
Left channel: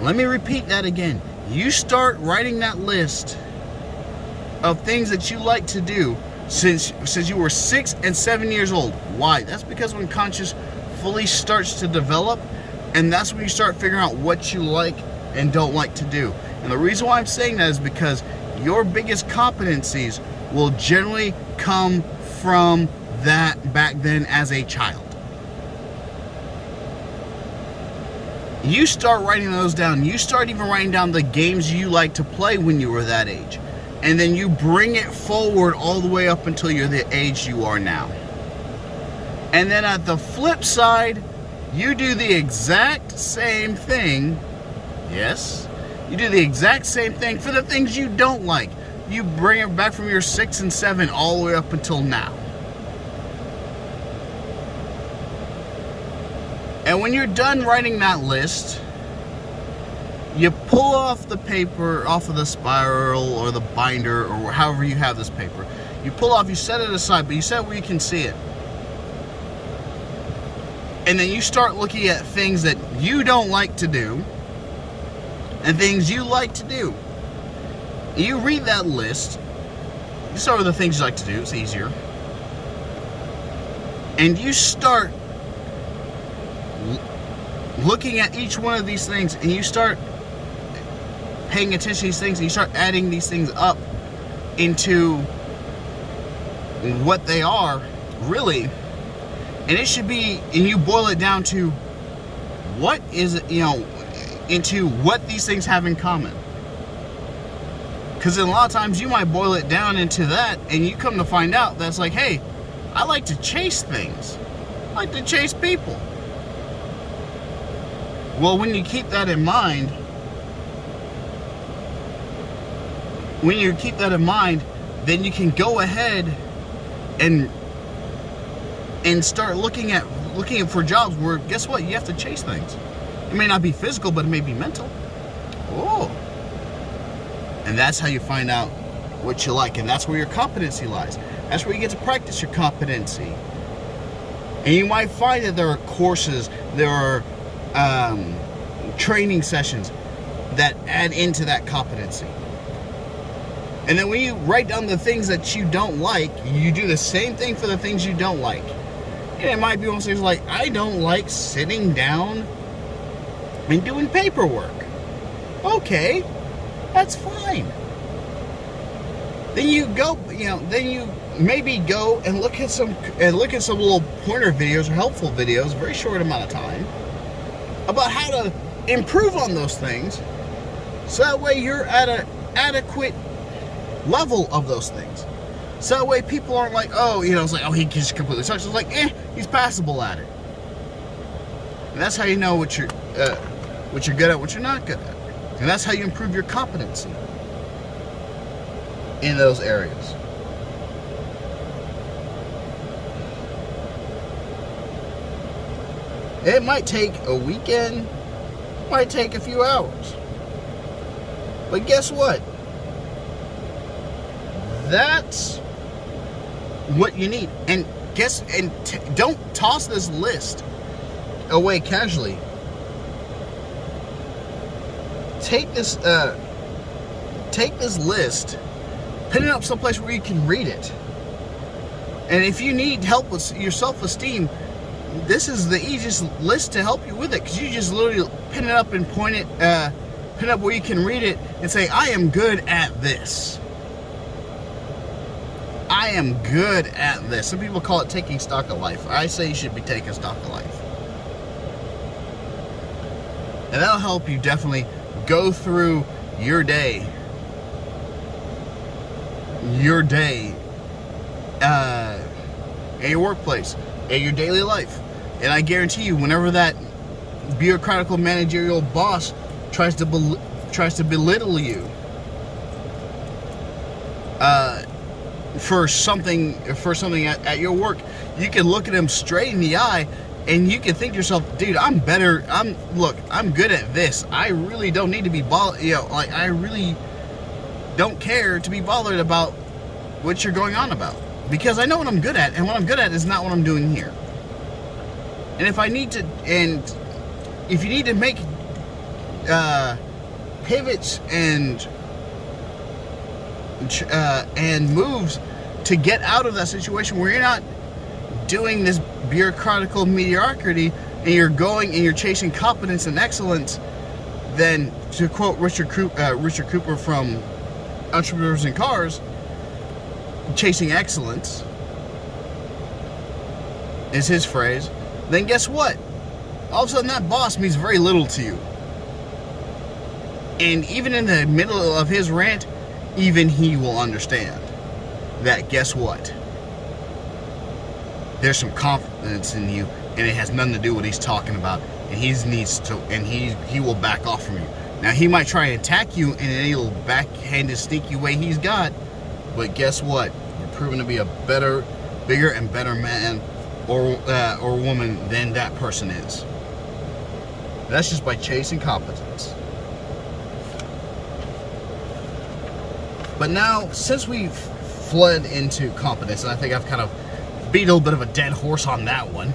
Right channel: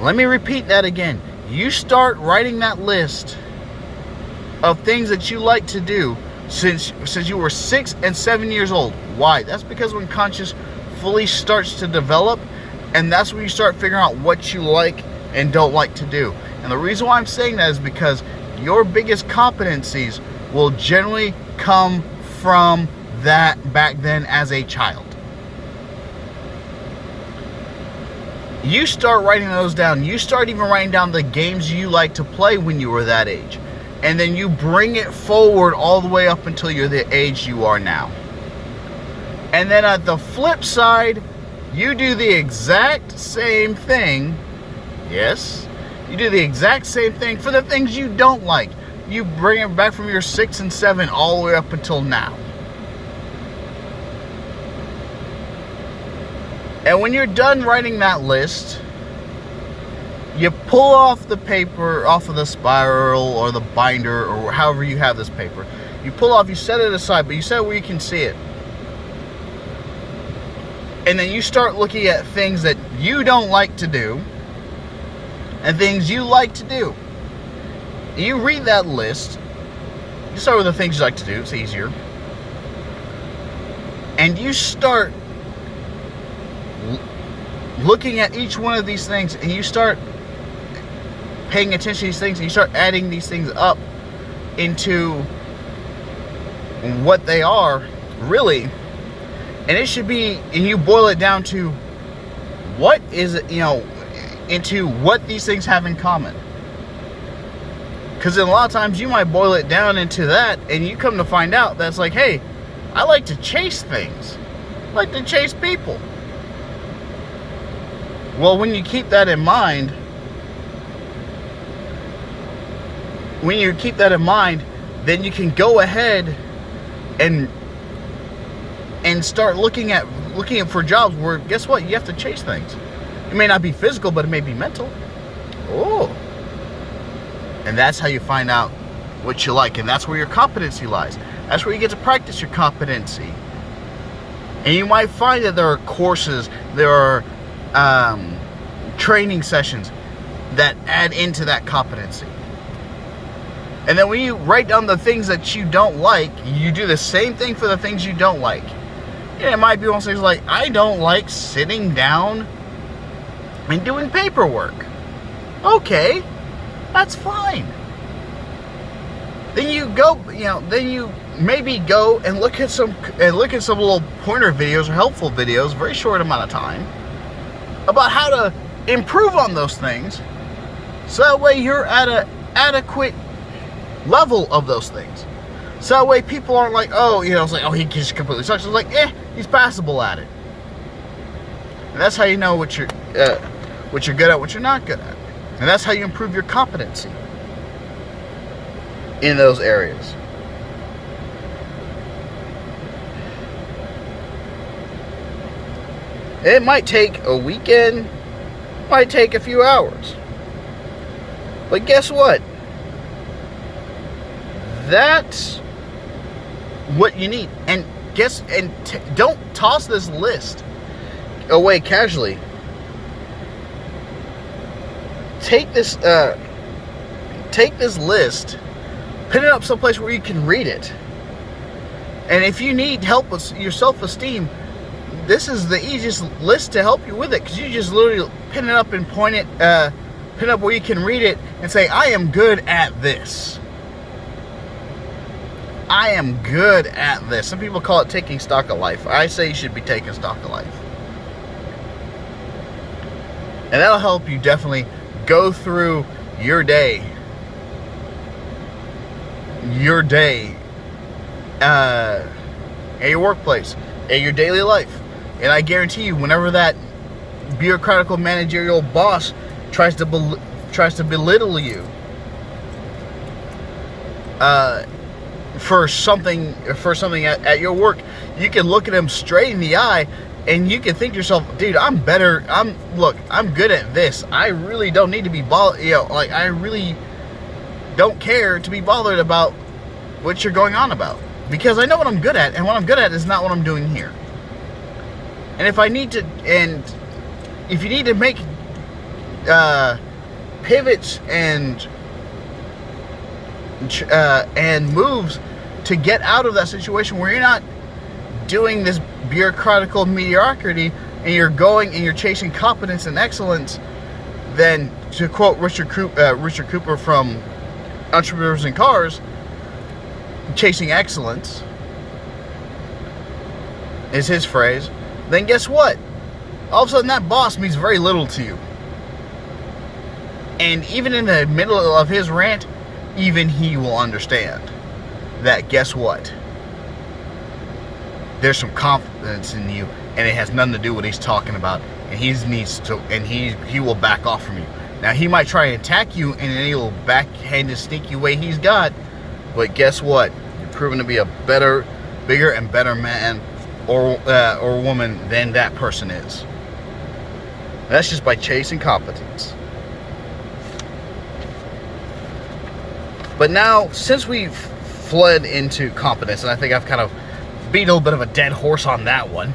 Let me repeat that again. You start writing that list of things that you like to do since you were 6 and 7 years old. Why? That's because when conscious fully starts to develop, and that's when you start figuring out what you like and don't like to do. And the reason why I'm saying that is because your biggest competencies will generally come from that back then as a child. You start writing those down. You start even writing down the games you like to play when you were that age. And then you bring it forward all the way up until you're the age you are now. And then at the flip side, you do the exact same thing. Yes, you do the exact same thing for the things you don't like. You bring it back from your 6 and 7 all the way up until now. And when you're done writing that list, you pull off the paper off of the spiral or the binder or however you have this paper. You pull off, you set it aside, but you set it where you can see it. And then you start looking at things that you don't like to do and things you like to do. You read that list. You start with the things you like to do. It's easier. And you start looking at each one of these things, and you start paying attention to these things, and you start adding these things up into what they are really. And it should be, and you boil it down to what is it, into what these things have in common. Because a lot of times you might boil it down into that, and you come to find out that's like, hey, I like to chase things. I like to chase people. Well, when you keep that in mind, then you can go ahead and start looking for jobs where, guess what, you have to chase things. It may not be physical, but it may be mental. Oh. And that's how you find out what you like, and that's where your competency lies. That's where you get to practice your competency. And you might find that there are courses, there are training sessions that add into that competency. And then when you write down the things that you don't like, you do the same thing for the things you don't like. And it might be one of those things like, I don't like sitting down and doing paperwork. Okay, that's fine. Then you go, then you maybe go and look at some little pointer videos or helpful videos, very short amount of time, about how to improve on those things, so that way you're at an adequate level of those things. So that way people aren't like, oh, it's like, oh, he just completely sucks. It's like, he's passable at it. And that's how you know what you're good at, what you're not good at. And that's how you improve your competency in those areas. It might take a weekend, might take a few hours. But guess what? That's what you need. And don't toss this list away casually. Take this list, put it up someplace where you can read it. And if you need help with your self-esteem, this is the easiest list to help you with it, because you just literally pin it up and point it, pin it up where you can read it and say, I am good at this. I am good at this. Some people call it taking stock of life. I say you should be taking stock of life. And that'll help you definitely go through your day, in your workplace, in your daily life. And I guarantee you, whenever that bureaucratical managerial boss tries to tries to belittle you for something at your work, you can look at him straight in the eye and you can think to yourself, dude, I'm better. I'm good at this. I really don't need to be bothered. Like, I really don't care to be bothered about what you're going on about, because I know what I'm good at, and what I'm good at is not what I'm doing here. And if you need to make pivots and moves to get out of that situation where you're not doing this bureaucratical mediocrity, and you're chasing competence and excellence, then, to quote Richard Cooper from Entrepreneurs in Cars, chasing excellence is his phrase, then guess what? All of a sudden that boss means very little to you. And even in the middle of his rant, even he will understand that, guess what? There's some confidence in you, and it has nothing to do with what he's talking about, and he will back off from you. Now, he might try to attack you in any little backhanded, sneaky way he's got, but guess what? You're proven to be a better, bigger, and better man or woman than that person is. That's just by chasing competence. But now, since we've fled into competence, and I think I've kind of beat a little bit of a dead horse on that one,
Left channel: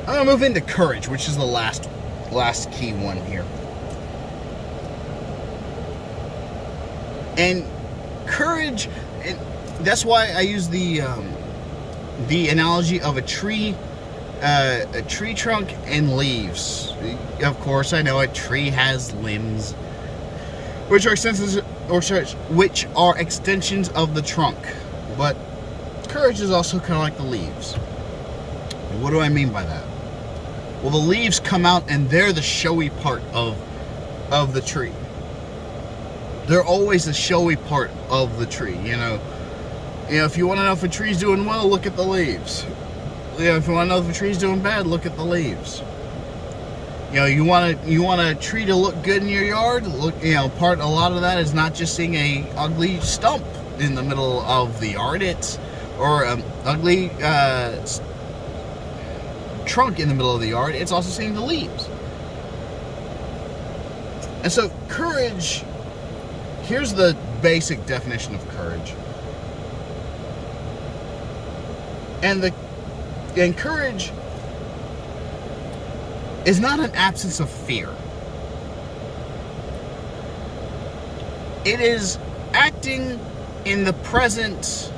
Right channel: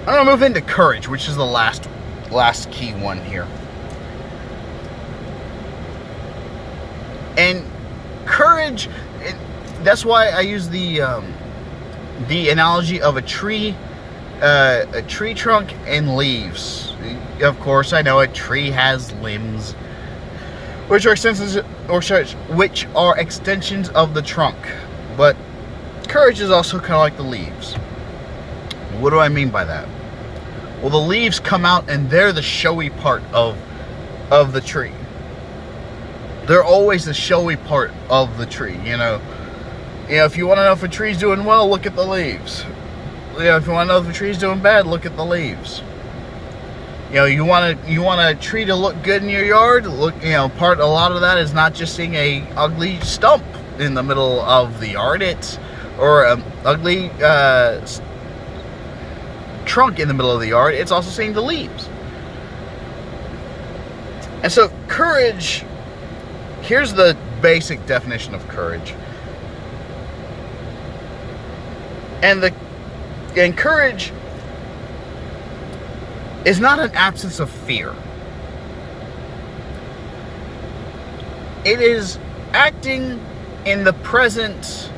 I'm going to move into courage, which is the last key one here. And courage, that's why I use the analogy of a tree trunk and leaves. Of course, I know a tree has limbs, which are extensions of the trunk. But courage is also kind of like the leaves. What do I mean by that? Well, the leaves come out and they're the showy part of the tree. They're always the showy part of the tree, you know. If you want to know if a tree's doing well, look at the leaves. If you want to know if a tree's doing bad, look at the leaves. You want a tree to look good in your yard. A lot of that is not just seeing a ugly stump in the middle of the yard. Or an ugly trunk in the middle of the yard. It's also seeing the leaves. And so courage, here's the basic definition of courage. And courage is not an absence of fear. It is acting in the presence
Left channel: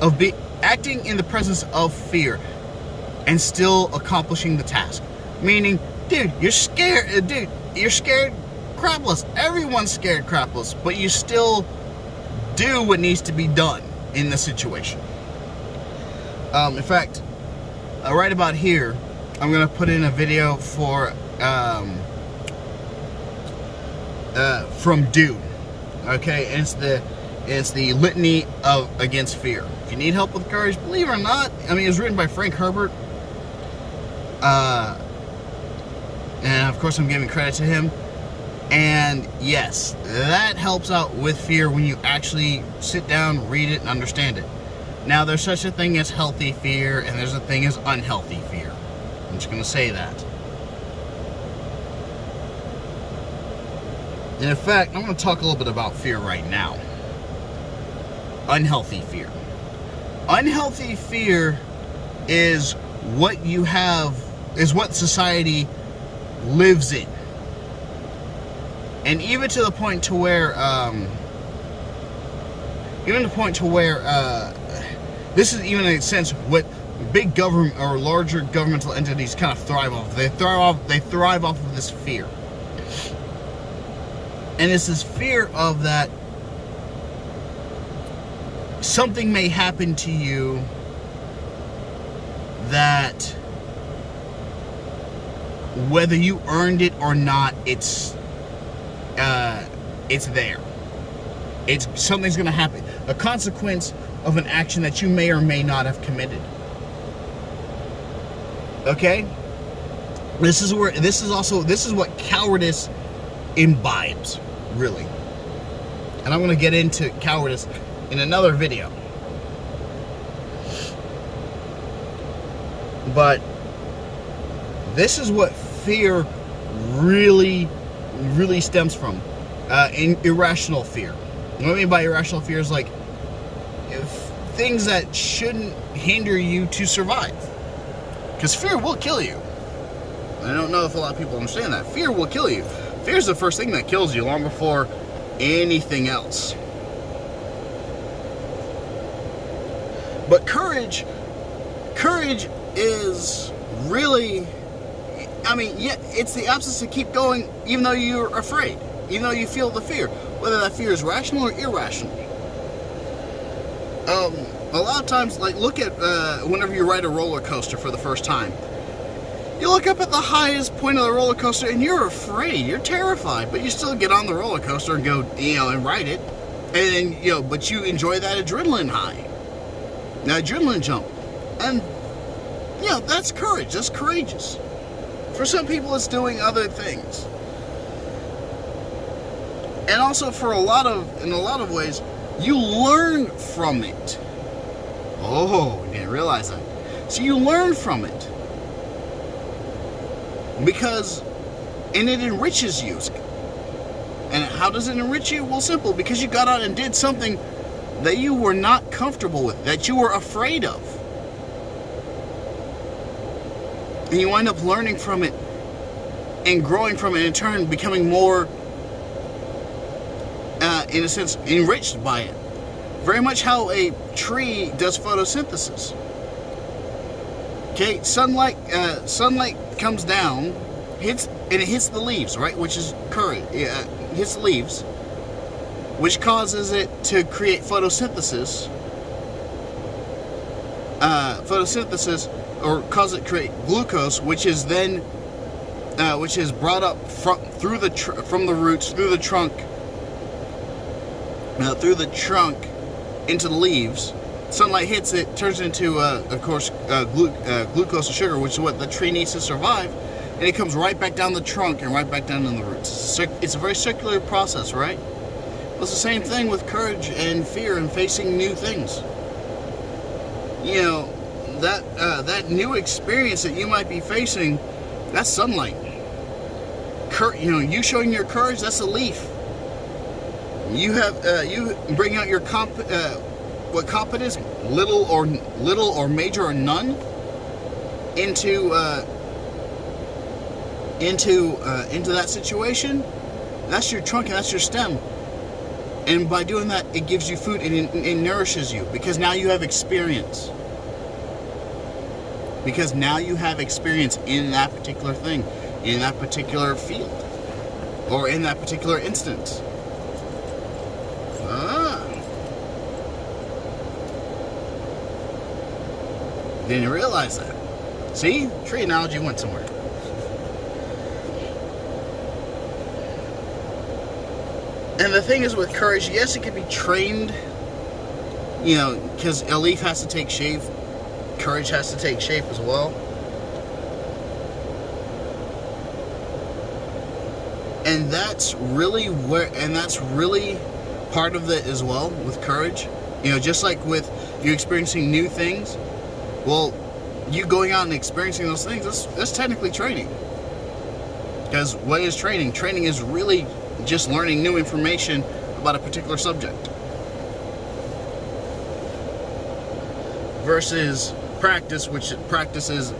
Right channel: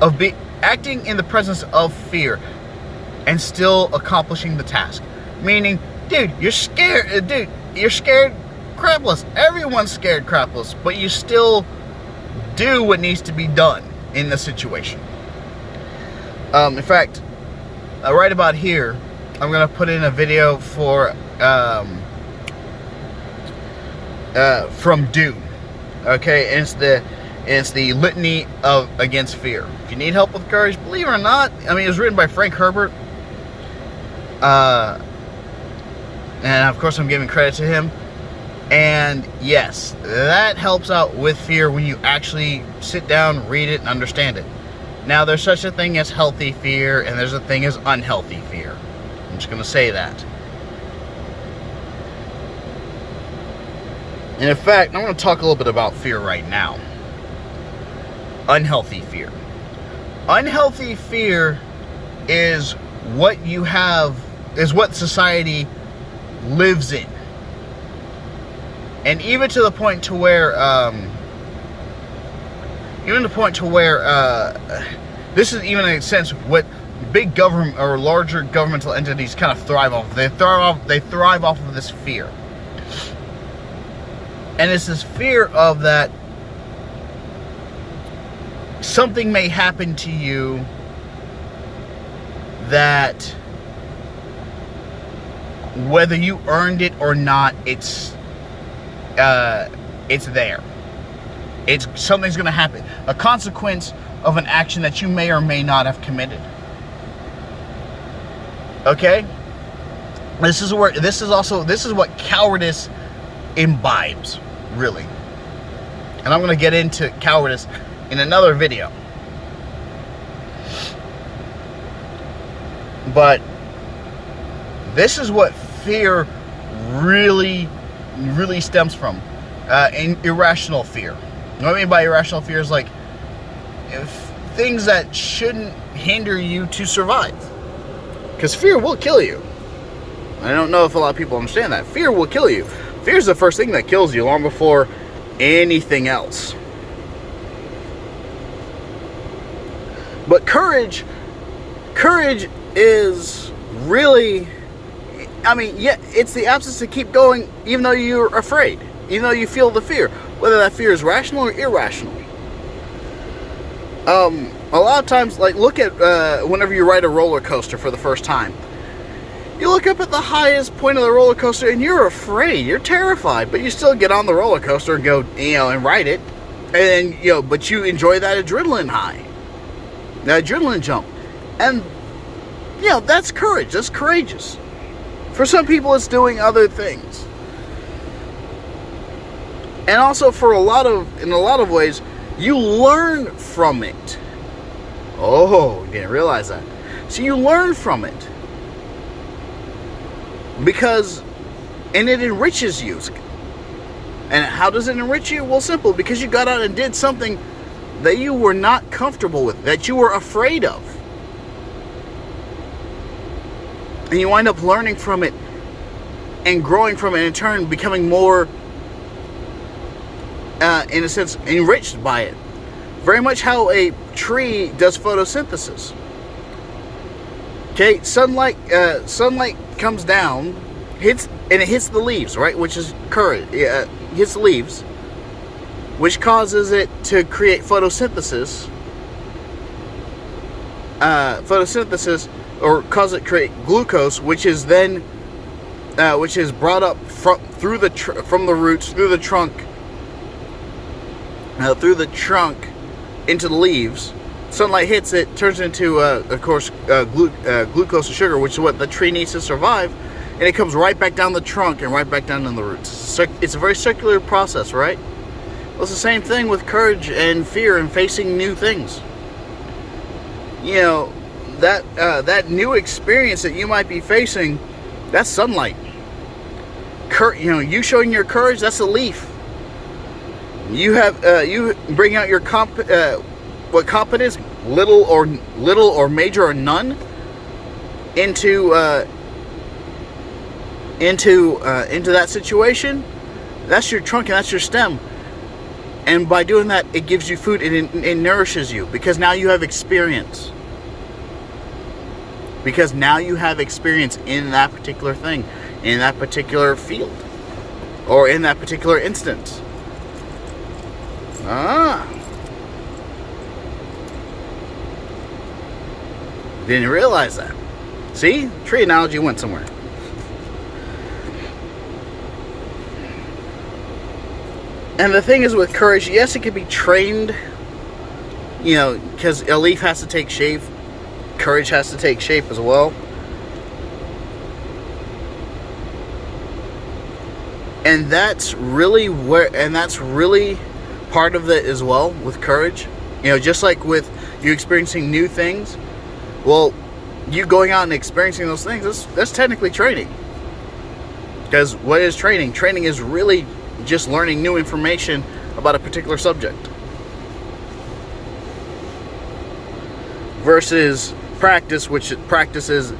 of fear and still accomplishing the task. Meaning, dude, you're scared crapless. Everyone's scared crapless, but you still do what needs to be done in the situation. In fact, right about here, I'm gonna put in a video from Dune. Okay, and it's the litany against fear. If you need help with courage, believe it or not, I mean, it was written by Frank Herbert. And of course I'm giving credit to him. And yes, that helps out with fear when you actually sit down, read it, and understand it. Now, there's such a thing as healthy fear, and there's a thing as unhealthy fear. I'm just going to say that. And in fact, I'm going to talk a little bit about fear right now. Unhealthy fear. Unhealthy fear is what society lives in. And even to the point to where, this is even in a sense what big government or larger governmental entities kind of thrive off. They thrive off of this fear. And it's this fear of that something may happen to you that whether you earned it or not, it's there. Something's going to happen. A consequence of an action that you may or may not have committed. Okay? This is what cowardice imbibes, really. And I'm going to get into cowardice in another video. But this is what fear really stems from. Irrational fear. What I mean by irrational fear is like things that shouldn't hinder you to survive. Because fear will kill you. I don't know if a lot of people understand that. Fear will kill you. Fear is the first thing that kills you long before anything else. But courage is really, I mean, yeah, it's the absence to keep going even though you're afraid, even though you feel the fear, whether that fear is rational or irrational. A lot of times, like, look at whenever you ride a roller coaster for the first time. You look up at the highest point of the roller coaster and you're afraid, you're terrified, but you still get on the roller coaster and go, and ride it. And, but you enjoy that adrenaline high, that adrenaline jump. And, that's courage, that's courageous. For some people, it's doing other things. And also in a lot of ways, you learn from it. Oh, you didn't realize that. So you learn from it. And it enriches you. And how does it enrich you? Well, simple, because you got out and did something that you were not comfortable with, that you were afraid of. And you wind up learning from it and growing from it, and in turn becoming more, in a sense, enriched by it. Very much how a tree does photosynthesis. Okay, sunlight comes down, hits the leaves, right? Which is courage. Hits the leaves, which causes it to create photosynthesis. Or cause it to create glucose, which is then, which is brought up from the roots through the trunk, into the leaves. Sunlight hits it, turns into, of course, glucose and sugar, which is what the tree needs to survive, and it comes right back down the trunk and right back down in the roots. So it's a very circular process, right? Well, it's the same thing with courage and fear and facing new things. That new experience that you might be facing, that's sunlight. You showing your courage, that's a leaf. You bring out your what competence, little or major or none, into that situation. That's your trunk and that's your stem. And by doing that, it gives you food and it nourishes you, because now you have experience. Because now you have experience in that particular thing, in that particular field, or in that particular instance. Didn't realize that. See? Tree analogy went somewhere. And the thing is with courage, yes, it can be trained, because a leaf has to take shape. Courage has to take shape as well. And that's really part of it as well with courage. Just like with you experiencing new things, well, you going out and experiencing those things, that's technically training. Because what is training? Training is really just learning new information about a particular subject. Versus practice, which practice is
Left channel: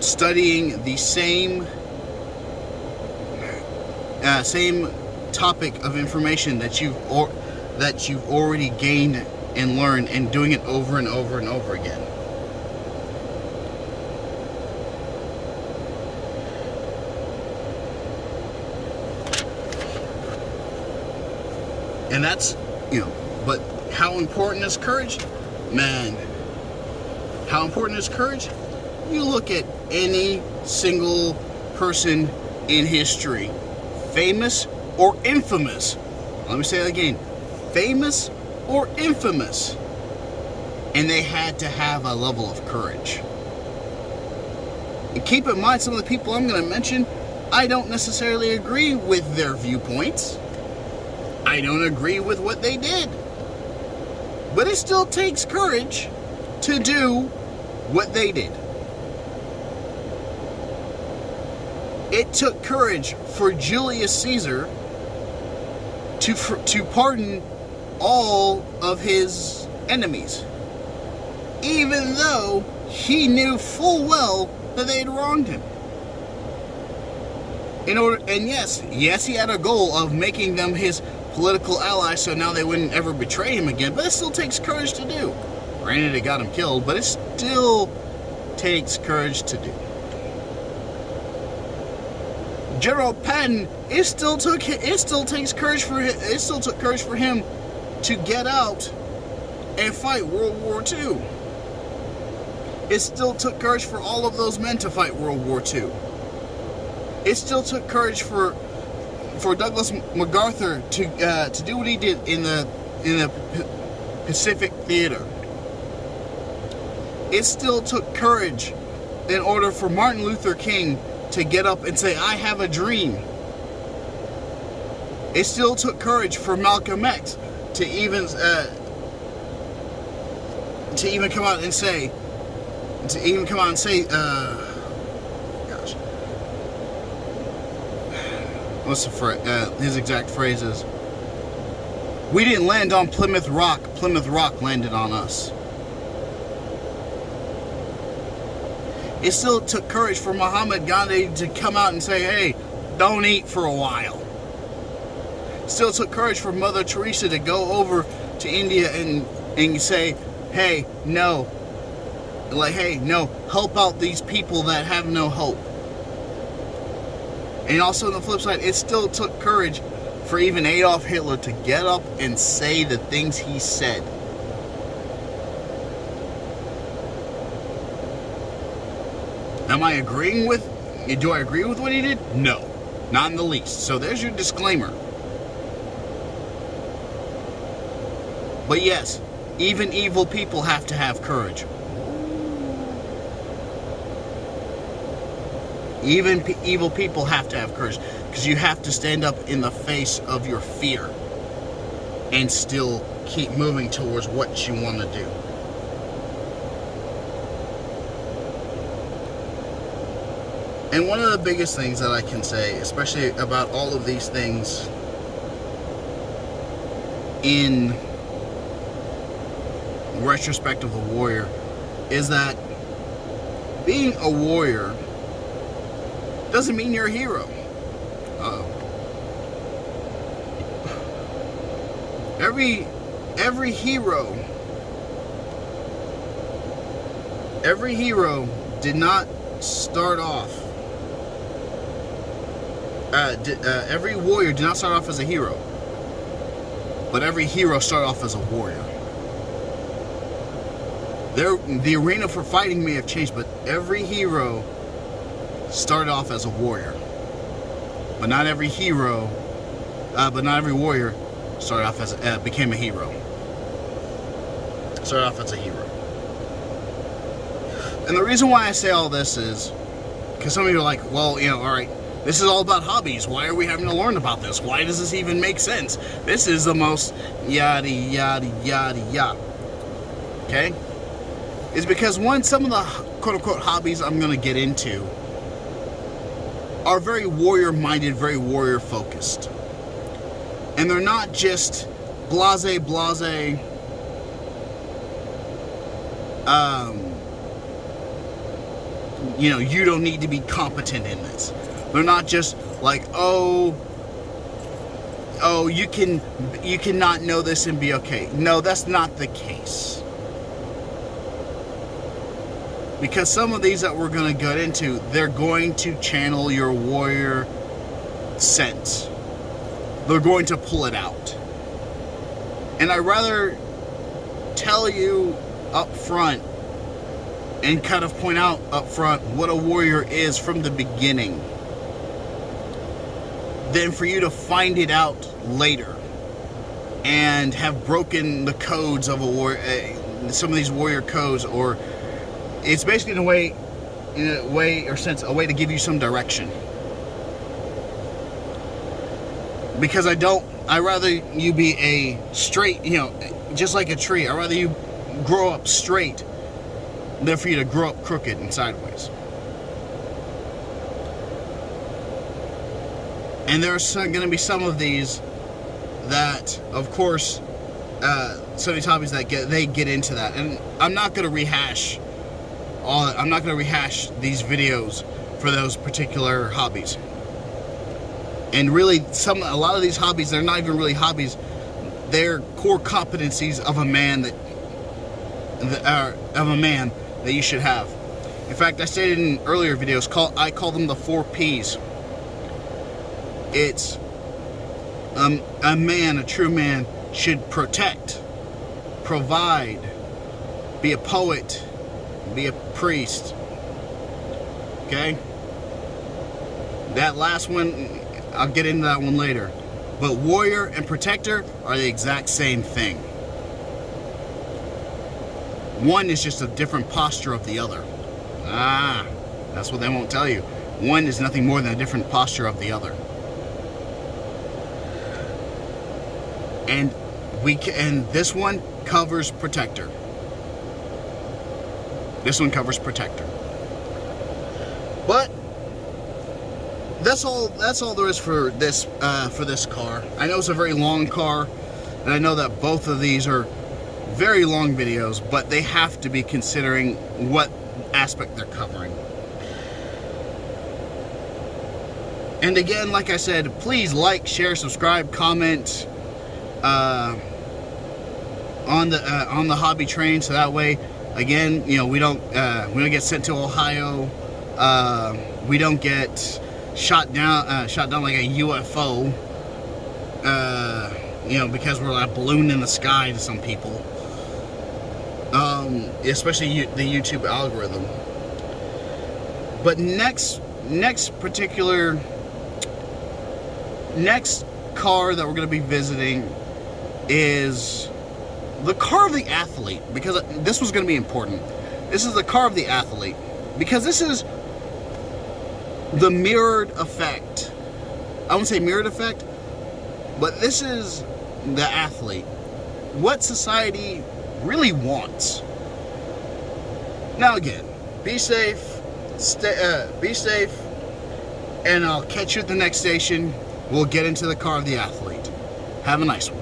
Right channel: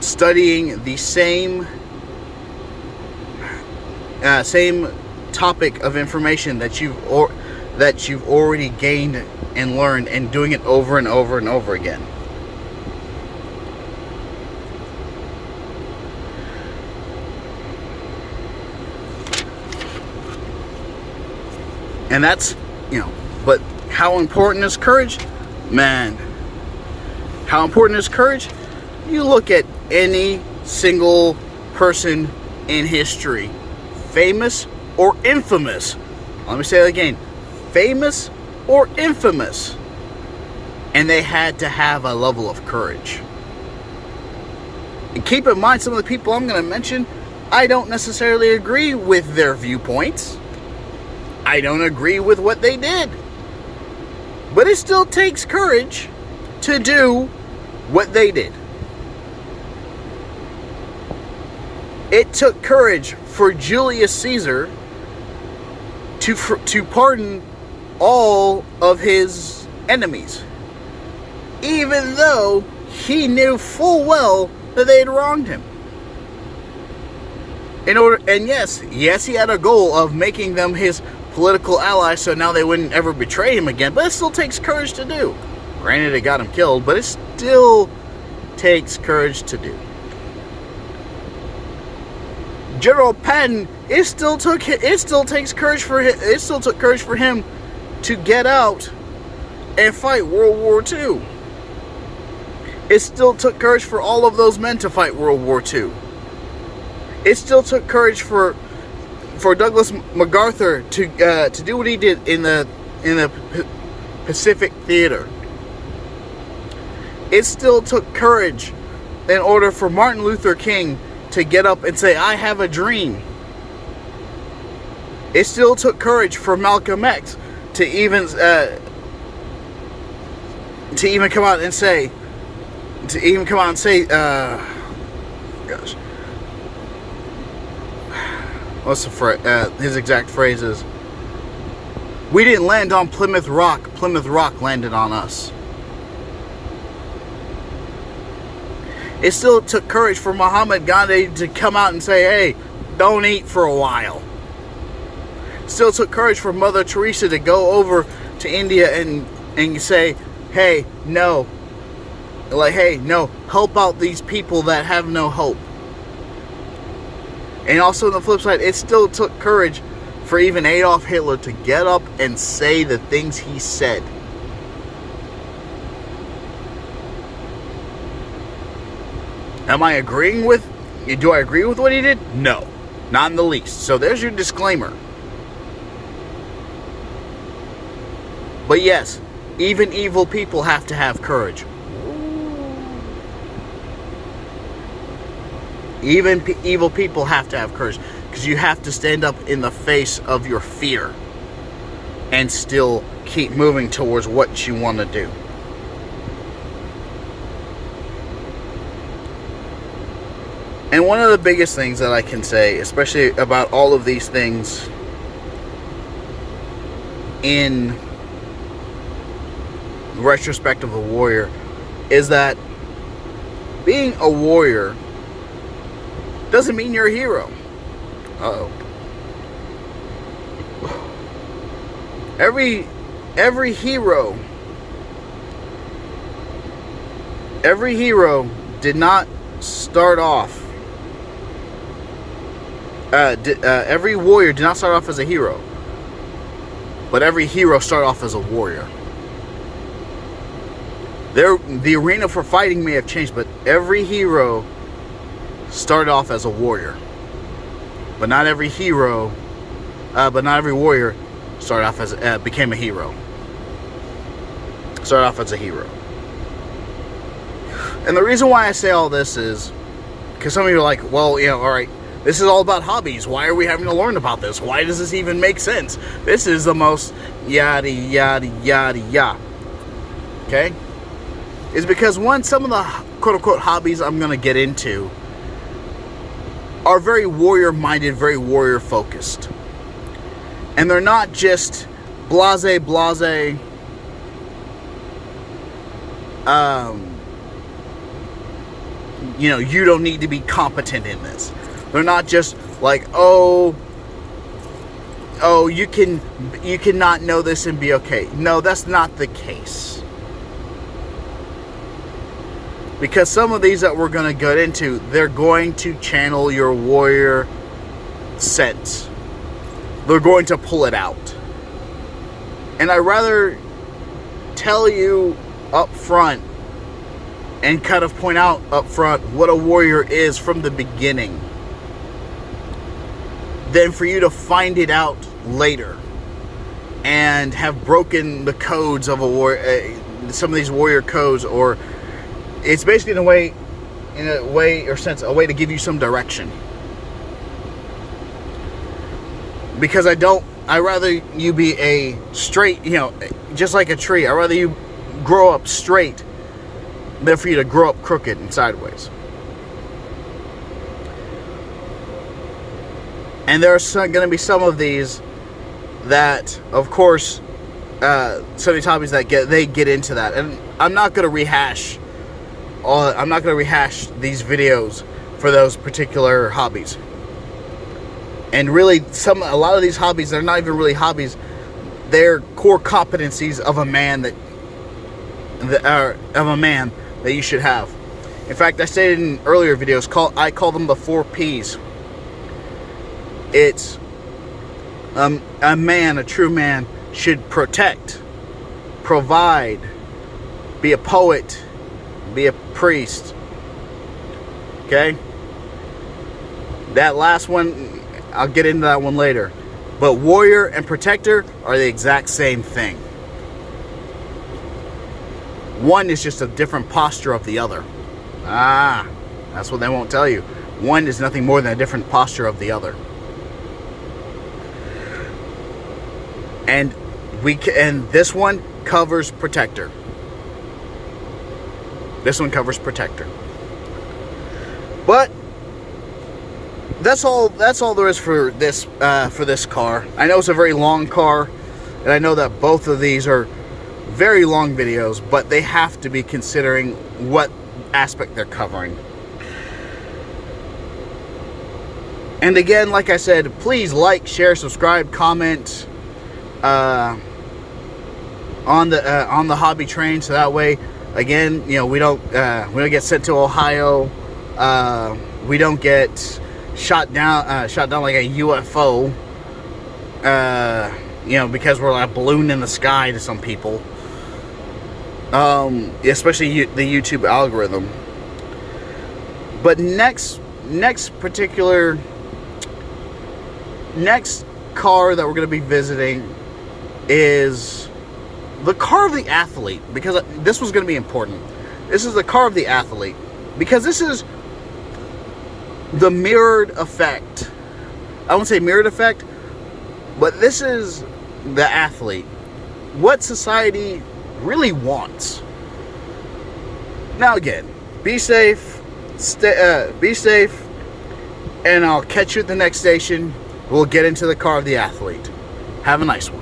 studying the same topic of information that you've already gained and learned, and doing it over and over and over again. And that's, but how important is courage? Man, how important is courage? You look at any single person in history, famous or infamous. Let me say that again. Famous or infamous. And they had to have a level of courage. And keep in mind, some of the people I'm going to mention I don't necessarily agree with their viewpoints. I don't agree with what they did. But it still takes courage to do what they did. It took courage for Julius Caesar to pardon all of his enemies, even though he knew full well that they had wronged him. And yes, he had a goal of making them his political allies, so now they wouldn't ever betray him again. But it still takes courage to do. Granted, it got him killed, but it still takes courage to do. General Patton, it still took courage for him to get out and fight World War II. It still took courage for all of those men to fight World War II. It still took courage for Douglas MacArthur to do what he did in the Pacific Theater. It still took courage in order for Martin Luther King to get up and say, "I have a dream." It still took courage for Malcolm X to even come out and say, gosh, what's the phrase? His exact phrase is, "We didn't land on Plymouth Rock. Plymouth Rock landed on us." It still took courage for Muhammad Gandhi to come out and say, "Hey, don't eat for a while." It still took courage for Mother Teresa to go over to India and say, "Hey, no. Hey, no, help out these people that have no hope." And also on the flip side, it still took courage for even Adolf Hitler to get up and say the things he said. Do I agree with what he did? No, not in the least. So there's your disclaimer. But yes, even evil people have to have courage. Even evil people have to have courage, because you have to stand up in the face of your fear and still keep moving towards what you want to do. And one of the biggest things that I can say, especially about all of these things in retrospect of the warrior, is that being a warrior doesn't mean you're a hero. Uh-oh. Every hero did not start off. Every warrior did not start off as a hero, but every hero started off as a warrior. The arena for fighting may have changed, but every hero started off as a warrior. But not every warrior started off as became a hero. Started off as a hero. And the reason why I say all this is because some of you are like, well, all right, this is all about hobbies. Why are we having to learn about this? Why does this even make sense? This is the most yada yada yada yada. Okay? Is because some of the quote-unquote hobbies I'm going to get into are very warrior-minded, very warrior-focused. And they're not just blase, you don't need to be competent in this. They're not just like, you cannot know this and be okay. No, that's not the case. Because some of these that we're going to get into, they're going to channel your warrior sense. They're going to pull it out. And I'd rather tell you up front and kind of point out up front what a warrior is from the beginning than for you to find it out later and have broken the codes of a warrior, some of these warrior codes, or it's basically a way to give you some direction. Because I'd rather you be a straight, just like a tree. I'd rather you grow up straight than for you to grow up crooked and sideways. And there are going to be some of these that, of course, some of these hobbies that get into that. And I'm not going to rehash these videos for those particular hobbies. And really, a lot of these hobbies, they're not even really hobbies. They're core competencies of a man that you should have. In fact, I stated in earlier videos, I call them the 4 P's. It's a true man should protect, provide, be a poet, be a priest. Okay? That last one, I'll get into that one later. But warrior and protector are the exact same thing. One is just a different posture of the other. That's what they won't tell you. One is nothing more than a different posture of the other. And this one covers protector. This one covers protector. But that's all there is for this car. I know it's a very long car, and I know that both of these are very long videos, but they have to be considering what aspect they're covering. And again, like I said, please like, share, subscribe, comment on the hobby train, so that way, again, we don't get sent to Ohio. We don't get shot down like a UFO. Because we're like a balloon in the sky to some people. Especially the YouTube algorithm. But next car that we're going to be visiting is the car of the athlete, because this was going to be important. This is the car of the athlete, because this is the mirrored effect. I won't say mirrored effect, but this is the athlete. What society really wants. Now again, be safe, and I'll catch you at the next station. We'll get into the car of the athlete. Have a nice one.